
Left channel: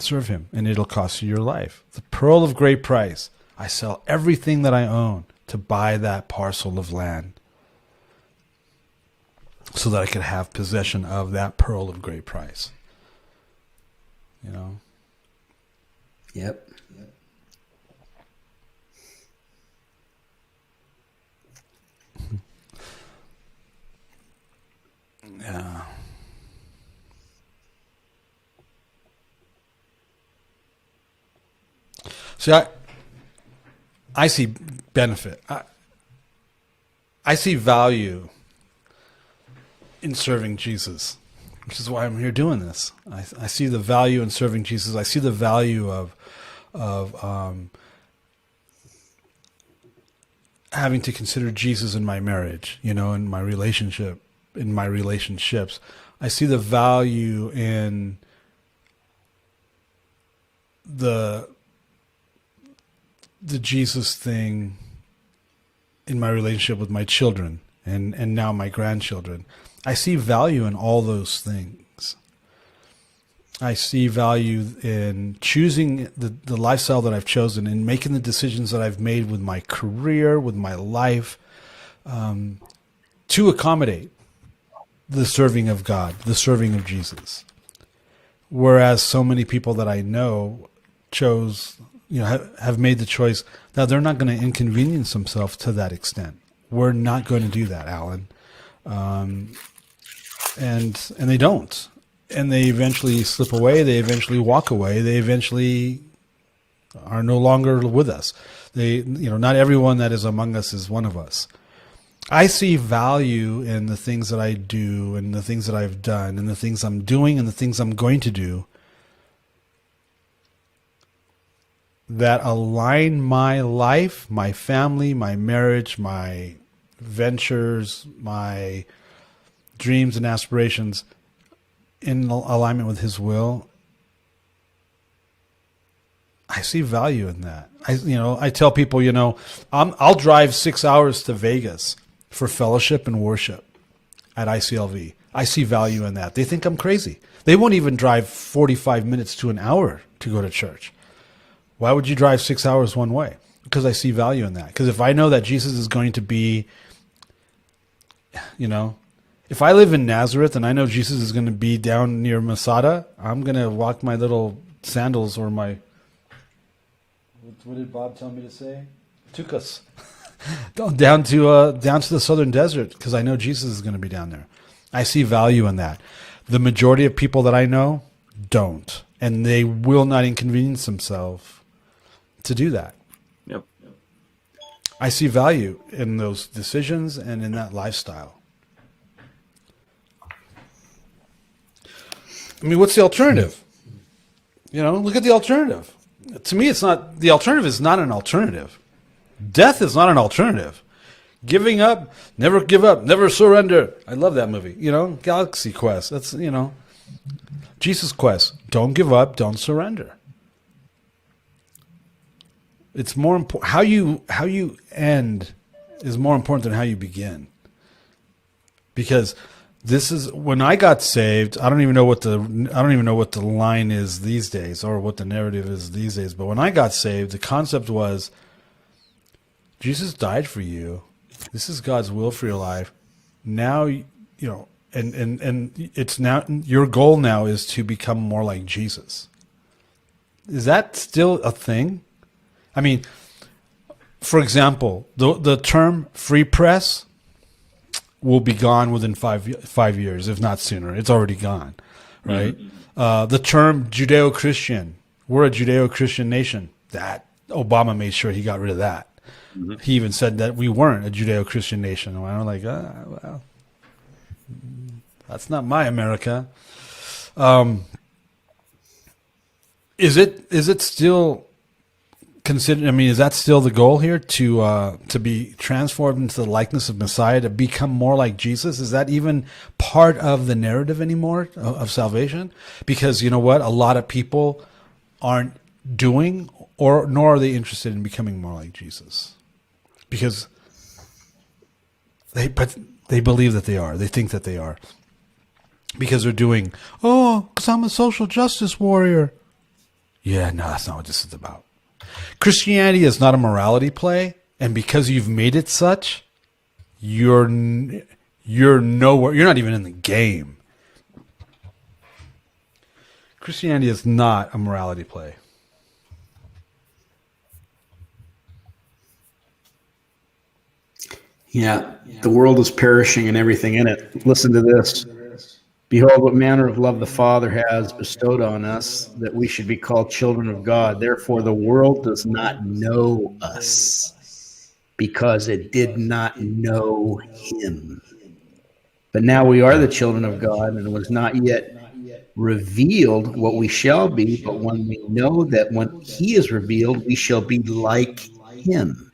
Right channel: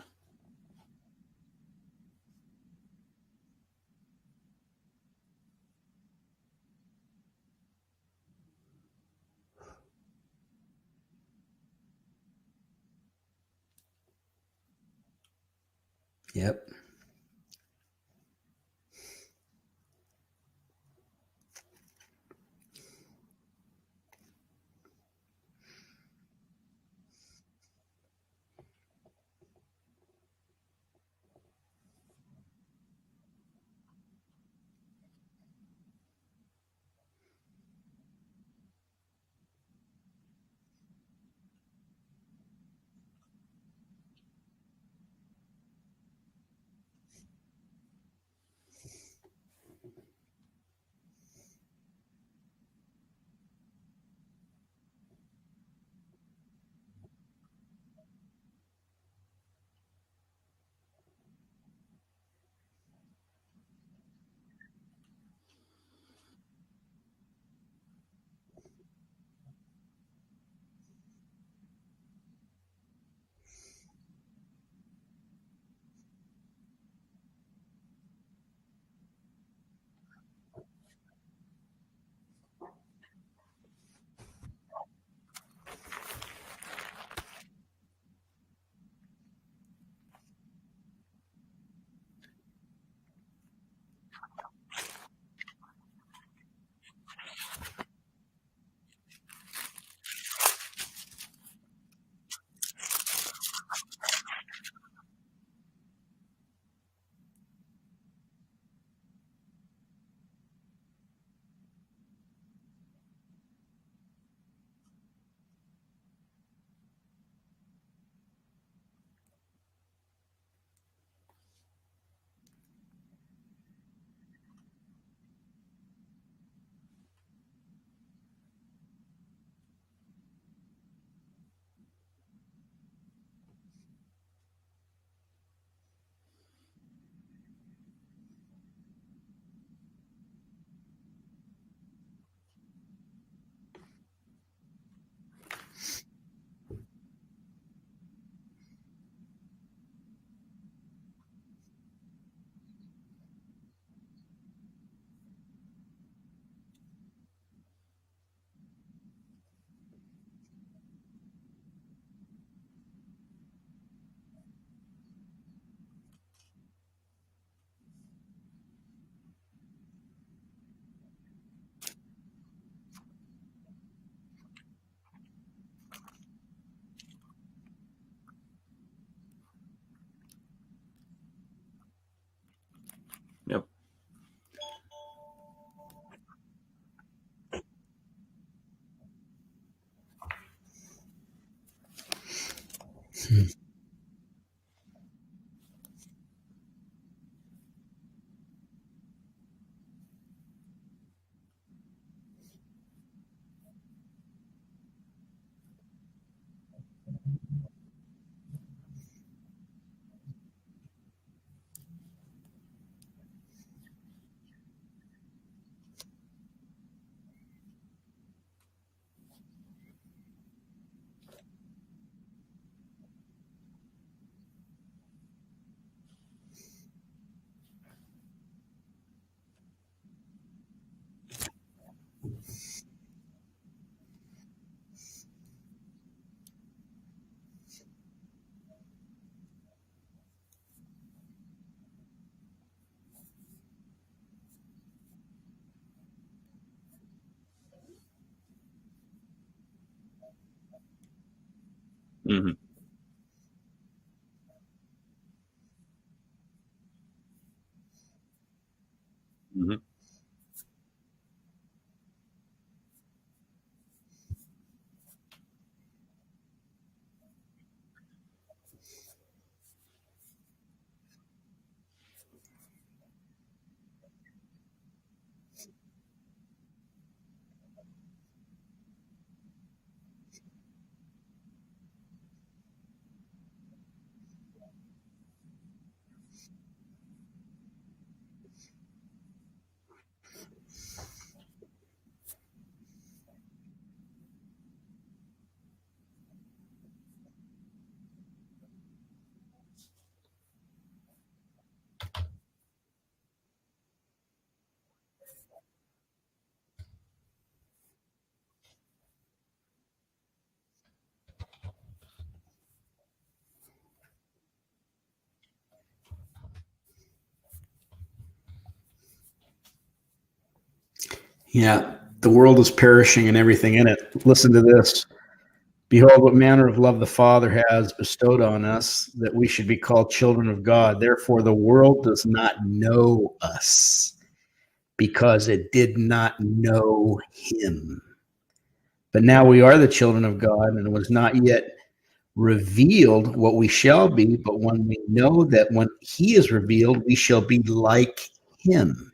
serve him, and it'll cost you your life. The pearl of great price. I sell everything that I own to buy that parcel of land so that I could have possession of that pearl of great price. You know? Yep. Yeah. See, I see benefit. I see value in serving Jesus, which is why I'm here doing this. I see the value in serving Jesus. I see the value of having to consider Jesus in my marriage, in my relationship, in my relationships. I see the value in the Jesus thing in my relationship with my children and now my grandchildren. I see value in all those things. I see value in choosing the lifestyle that I've chosen and making the decisions that I've made with my career, with my life, to accommodate the serving of God, the serving of Jesus. Whereas so many people that I know have made the choice that they're not going to inconvenience themselves to that extent. We're not going to do that, Allan. And they don't. And they eventually slip away. They eventually walk away. They eventually are no longer with us. Not everyone that is among us is one of us. I see value in the things that I do and the things that I've done and the things I'm doing and the things I'm going to do that align my life, my family, my marriage, my ventures, my dreams and aspirations in alignment with His will. I see value in that. I tell people, I'll drive 6 hours to Vegas for fellowship and worship at ICLV. I see value in that. They think I'm crazy. They won't even drive 45 minutes to an hour to go to church. Why would you drive 6 hours one way? Because I see value in that. Because if I know that Jesus is going to be, if I live in Nazareth and I know Jesus is going to be down near Masada, I'm going to walk my little sandals or my, what did Bob tell me to say? Tukas. down to the southern desert because I know Jesus is going to be down there. I see value in that. The majority of people that I know don't, and they will not inconvenience themselves to do that. Yep. I see value in those decisions and in that lifestyle. I mean, what's the alternative? Look at the alternative. To me, the alternative is not an alternative. Death is not an alternative. Giving up, never give up, never surrender. I love that movie. Galaxy Quest. That's, Jesus Quest. Don't give up, don't surrender. It's more important. How you end is more important than how you begin. Because this is when I got saved. I don't even know what the line is these days or what the narrative is these days. But when I got saved, the concept was Jesus died for you. This is God's will for your life. Now, and it's now your goal now is to become more like Jesus. Is that still a thing? I mean, for example, the term free press will be gone within 5 years, if not sooner. It's already gone, right? Mm-hmm. The term Judeo-Christian, we're a Judeo-Christian nation. That Obama made sure he got rid of that. Mm-hmm. He even said that we weren't a Judeo-Christian nation. And I'm like, well, that's not my America. Is it still considered? I mean, is that still the goal here to be transformed into the likeness of Messiah, to become more like Jesus? Is that even part of the narrative anymore of salvation? Because you know what, a lot of people aren't doing, nor are they interested in becoming more like Jesus, because they believe that they are. They think that they are, because they're doing, because I'm a social justice warrior. Yeah, no, that's not what this is about. Christianity is not a morality play, and because you've made it such, you're nowhere. You're not even in the game. Christianity is not a morality play. Yeah, the world is perishing and everything in it. Listen to this. Behold, what manner of love the Father has bestowed on us, that we should be called children of God. Therefore, the world does not know us, because it did not know him. But now we are the children of God, and it was not yet revealed what we shall be. But when we know that when he is revealed, we shall be like him.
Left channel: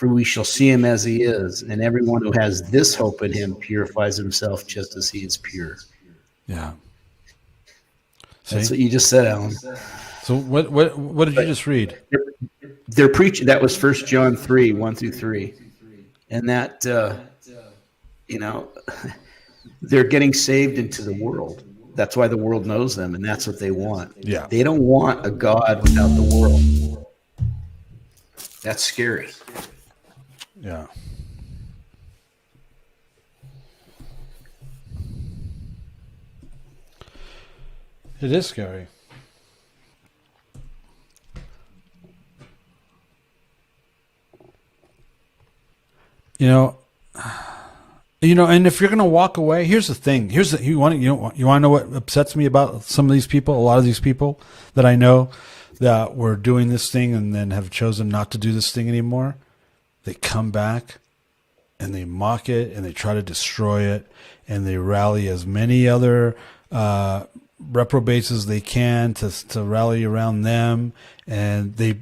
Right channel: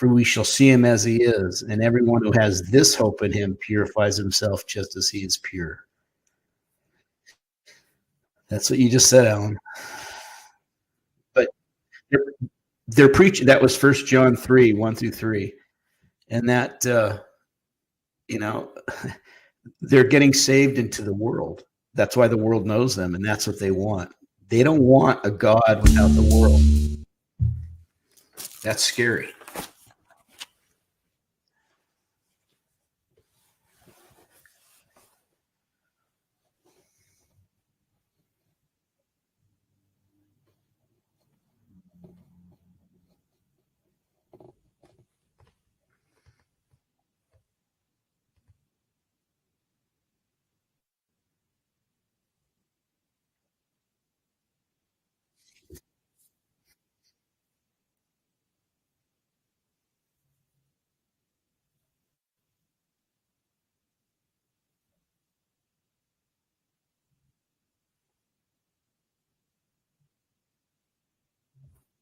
for we shall see him as he is. And everyone who has this hope in him purifies himself just as he is pure. Yeah. That's See? what you just said, Alan. So what did you just read? They're preaching. That was 1 John 3, 1-3. And that, they're getting saved into the world. That's why the world knows them, and that's what they want. Yeah. They don't want a God without the world. That's scary. Yeah. It is scary. And if you're gonna walk away, here's the thing. You want to know what upsets me about some of these people? A lot of these people that I know that were doing this thing and then have chosen not to do this thing anymore. They come back and they mock it and they try to destroy it and they rally as many other reprobates as they can to rally around them, and they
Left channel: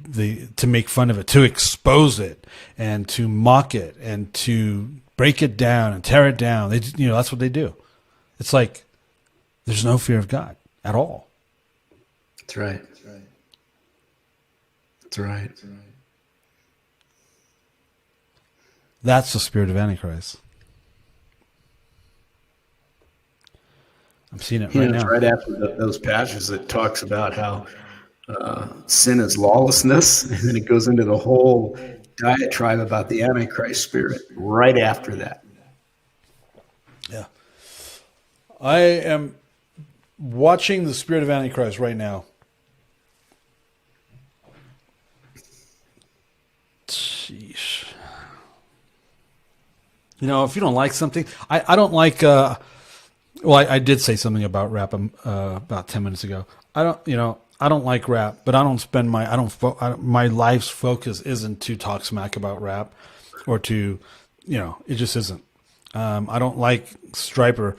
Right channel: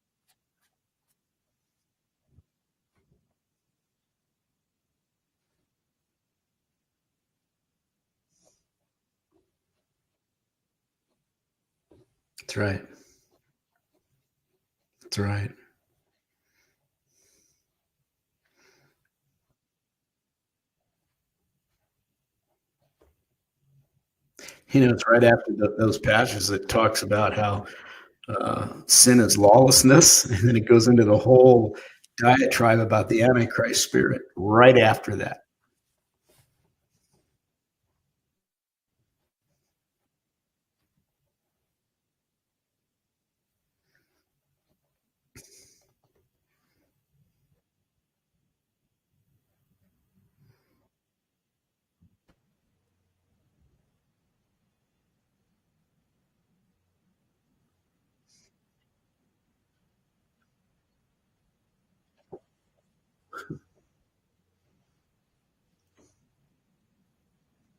to make fun of it, to expose it, and to mock it, and to break it down and tear it down. That's what they do. It's like there's no fear of God at all. That's right. That's right. That's the spirit of Antichrist. I'm seeing it right now. It's right after those passages that talks about how sin is lawlessness, and then it goes into the whole diatribe about the Antichrist spirit right after that. Yeah. I am watching the spirit of Antichrist right now. Sheesh. If you don't like something, I don't like. I did say something about rap about 10 minutes ago. I don't like rap, but I don't spend my life's focus isn't to talk smack about rap, or to, it just isn't. I don't like Striper.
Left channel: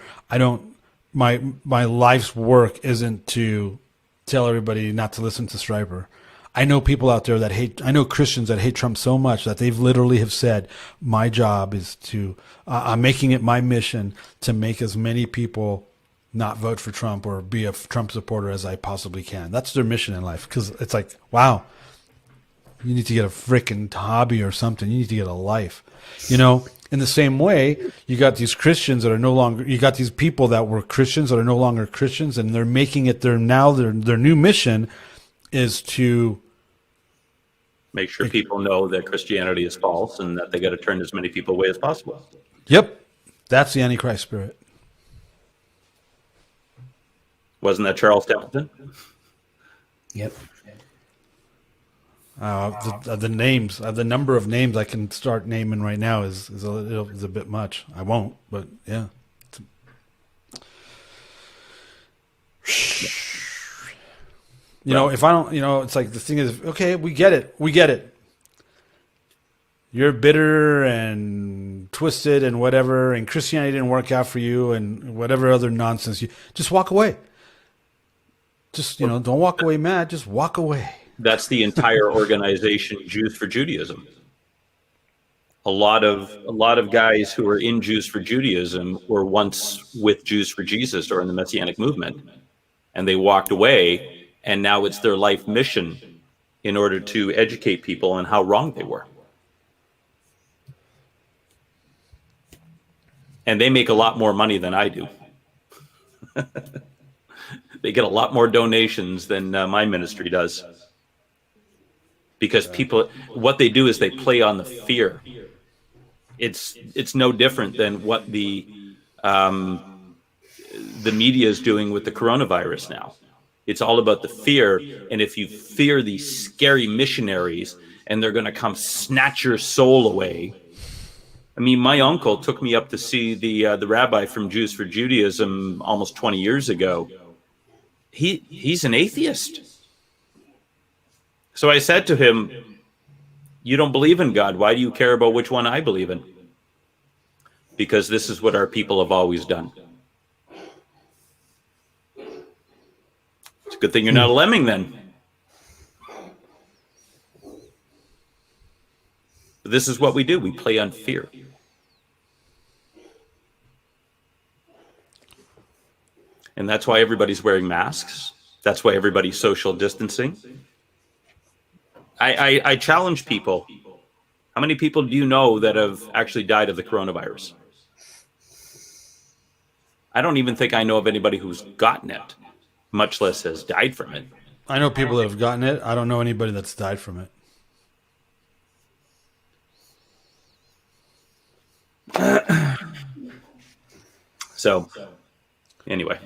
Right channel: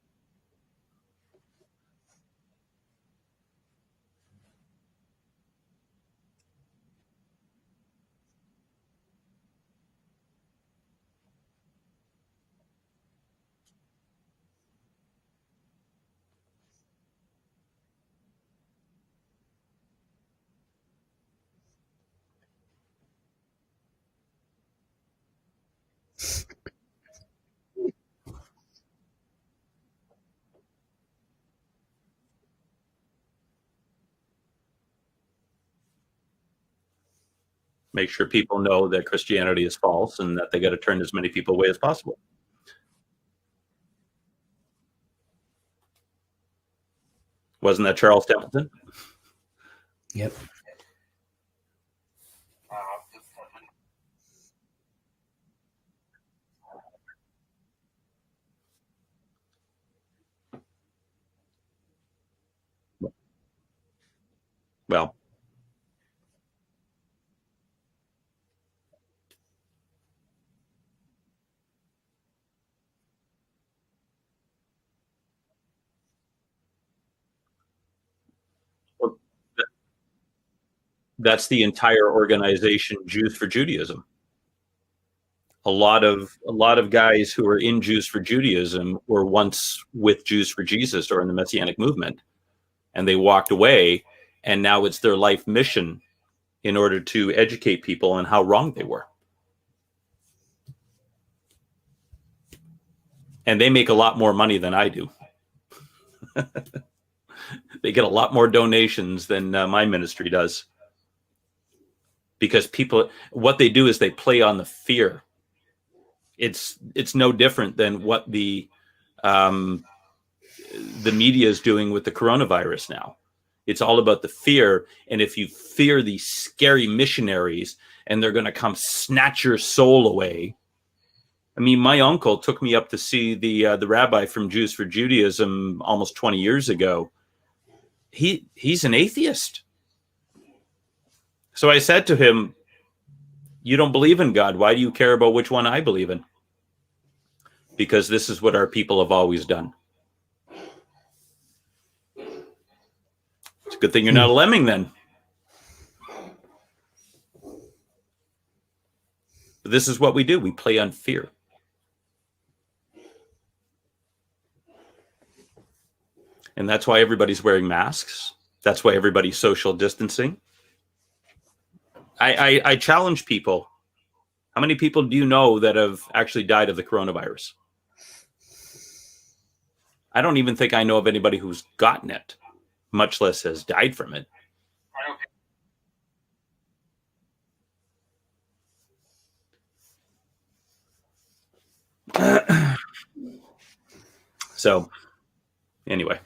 My life's work isn't to tell everybody not to listen to Striper. I know people out there that hate. I know Christians that hate Trump so much that they've literally have said, "My job is to. I'm making it my mission to make as many people not vote for Trump or be a Trump supporter as I possibly can." That's their mission in life, because it's like, wow, you need to get a freaking hobby or something. You need to get a life. In the same way, you got these Christians that are no longer. You got these people that were Christians that are no longer Christians, and they're making it their new mission is to make sure people know that Christianity is false and that they got to turn as many people away as possible. Yep. That's the Antichrist spirit. Wasn't that Charles Templeton? Yep. The names, the number of names I can start naming right now is a bit much. I won't, but yeah. If I don't, it's like the thing is, okay, we get it. You're bitter and twisted and whatever, and Christianity didn't work out for you and whatever other nonsense. You just walk away. Just, don't walk away mad. Just walk away. That's the entire organization, Jews for Judaism. A lot of guys who are in Jews for Judaism were once with Jews for Jesus or in the Messianic movement, and they walked away. And now it's their life mission in order to educate people on how wrong they were. And they make a lot more money than I do. They get a lot more donations than my ministry does. Because what they do is they play on the fear. It's no different than what the media is doing with the coronavirus now. It's all about the fear. And if you fear these scary missionaries and they're going to come snatch your soul away. I mean, my uncle took me up to see the rabbi from Jews for Judaism almost 20 years ago. He's an atheist. So I said to him, "You don't believe in God. Why do you care about which one I believe in?" Because this is what our people have always done. Good thing you're not a lemming then. This is what we do. We play on fear. And that's why everybody's wearing masks. That's why everybody's social distancing. I challenge people. How many people do you know that have actually died of the coronavirus? I don't even think I know of anybody who's gotten it, much less has died from it. I know people that have gotten it. I don't know anybody that's died from it. So, anyway.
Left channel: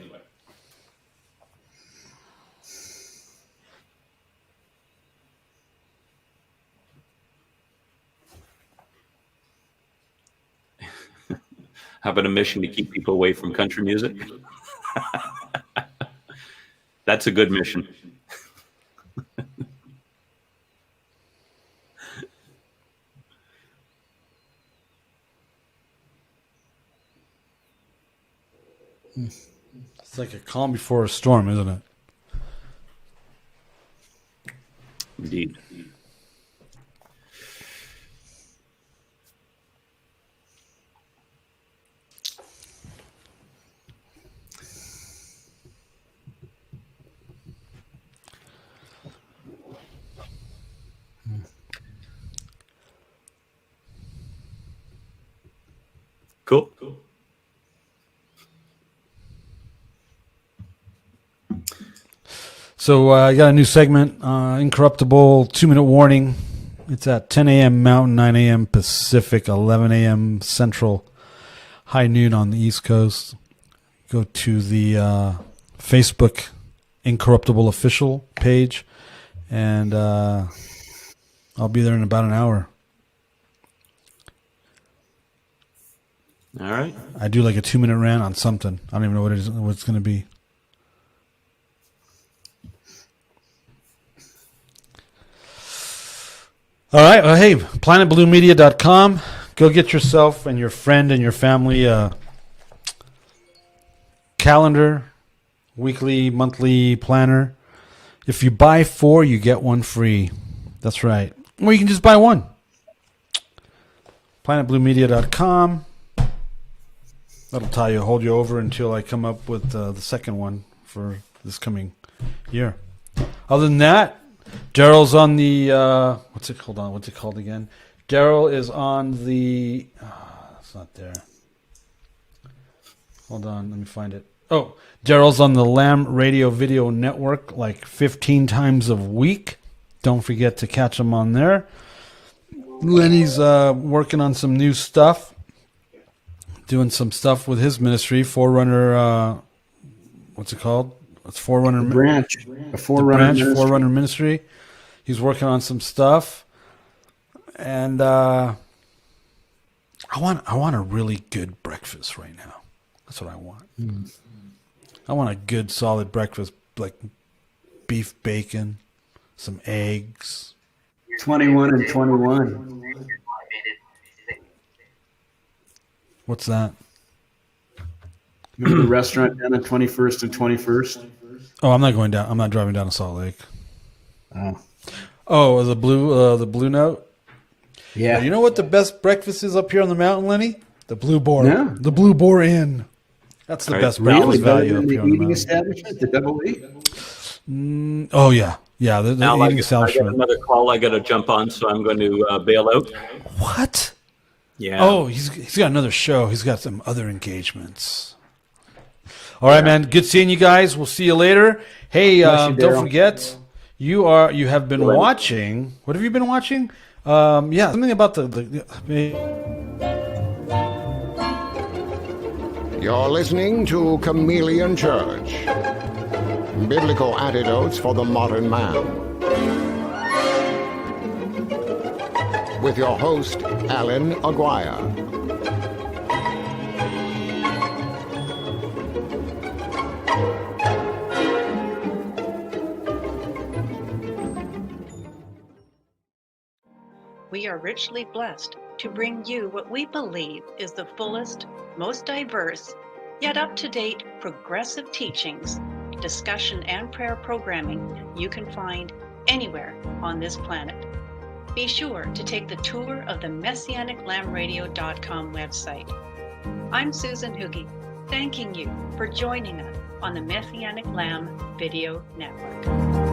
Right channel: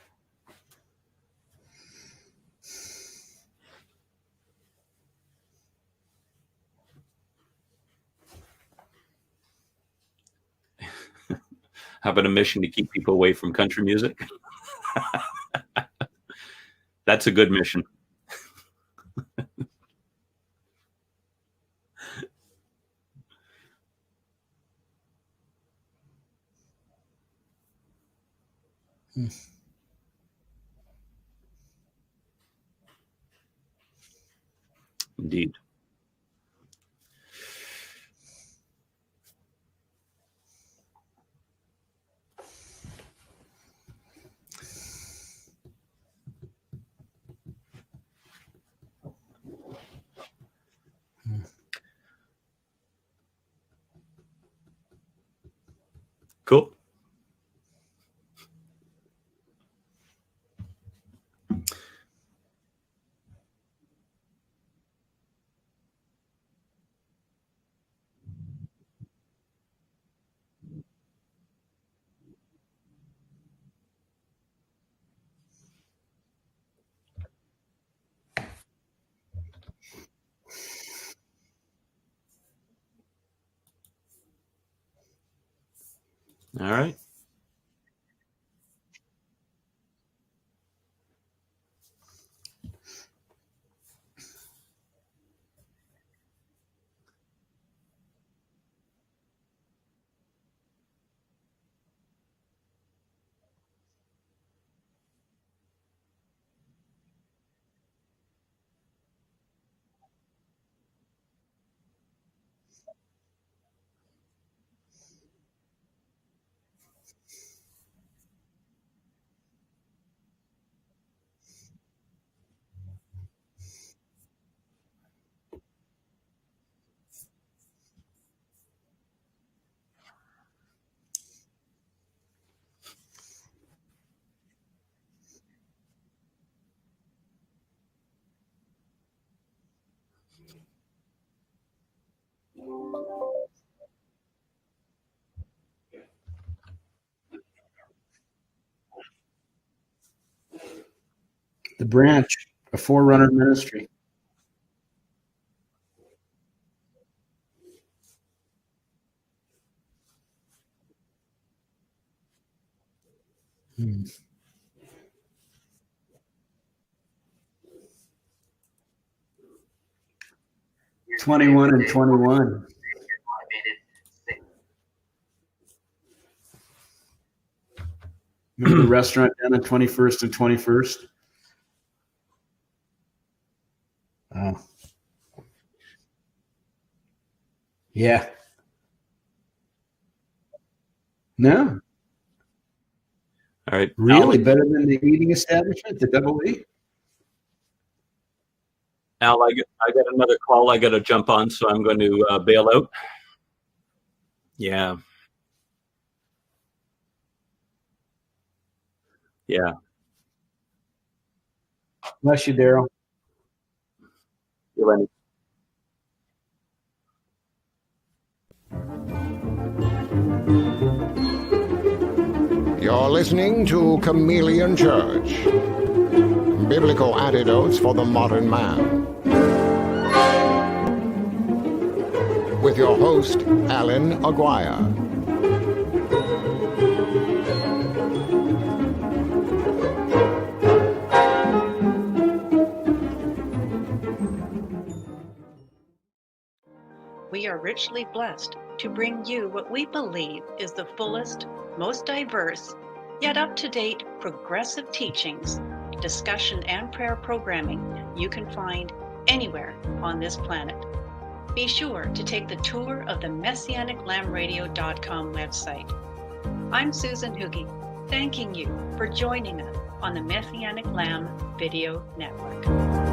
How about a mission to keep people away from country music? That's a good mission. It's like a calm before a storm, isn't it? Indeed. Cool. So I got a new segment, Incorruptible 2-minute warning. It's at 10 a.m. Mountain, 9 a.m. Pacific, 11 a.m. Central, high noon on the East Coast. Go to the Facebook Incorruptible official page, and I'll be there in about an hour. All right. I do like a 2-minute rant on something. I don't even know what it's going to be. All right. Well, hey, planetbluemedia.com. Go get yourself and your friend and your family a calendar, weekly, monthly planner. If you buy 4, you get 1 free. That's right. Or you can just buy 1. planetbluemedia.com. That'll hold you over until I come up with the second one for this coming year. Other than that, Darryl's on the what's it called again? Darryl is on the it's not there. Hold on, let me find it. Oh, Darryl's on the Lamb Radio Video Network like 15 times a week. Don't forget to catch him on there. Lenny's working on some new stuff. Doing some stuff with his ministry, Forerunner. What's it called? It's Forerunner. The branch, a Forerunner ministry. Forerunner ministry. He's working on some stuff, and I want a really good breakfast right now. That's what I want. I want a good, solid breakfast, like beef bacon, some eggs. 21 and 21. What's that? Remember the restaurant down at 21st and 21st? Oh, I'm not going down. I'm not driving down to Salt Lake. Oh, the Blue Note. yeah. You know what the best breakfast is up here on the mountain, Lenny? The Blue Boar. No. The Blue Boar Inn. That's the best Really? breakfast Better value than up the here on the eating mountain. establishment, the Double E? Oh yeah, yeah. The Now I eating got establishment. another call I got to jump on, so I'm going to bail out. What? Yeah. Oh, he's got another show. He's got some other engagements. All right, man. Good seeing you guys. We'll see you later. Hey, Bless you, don't Darryl. forget, you have been watching. What have you been watching? Yeah, something about You're listening to Chameleon Church. Biblical Antidotes for the Modern Man. With your host, Allan Aguirre. We are richly blessed to bring you what we believe is the fullest, most diverse, yet up-to-date progressive teachings, discussion, and prayer programming you can find anywhere on this planet. Be sure to take the tour of the MessianicLambRadio.com website. I'm Susan Hoogie, thanking you for joining us on the Messianic Lamb Video Network.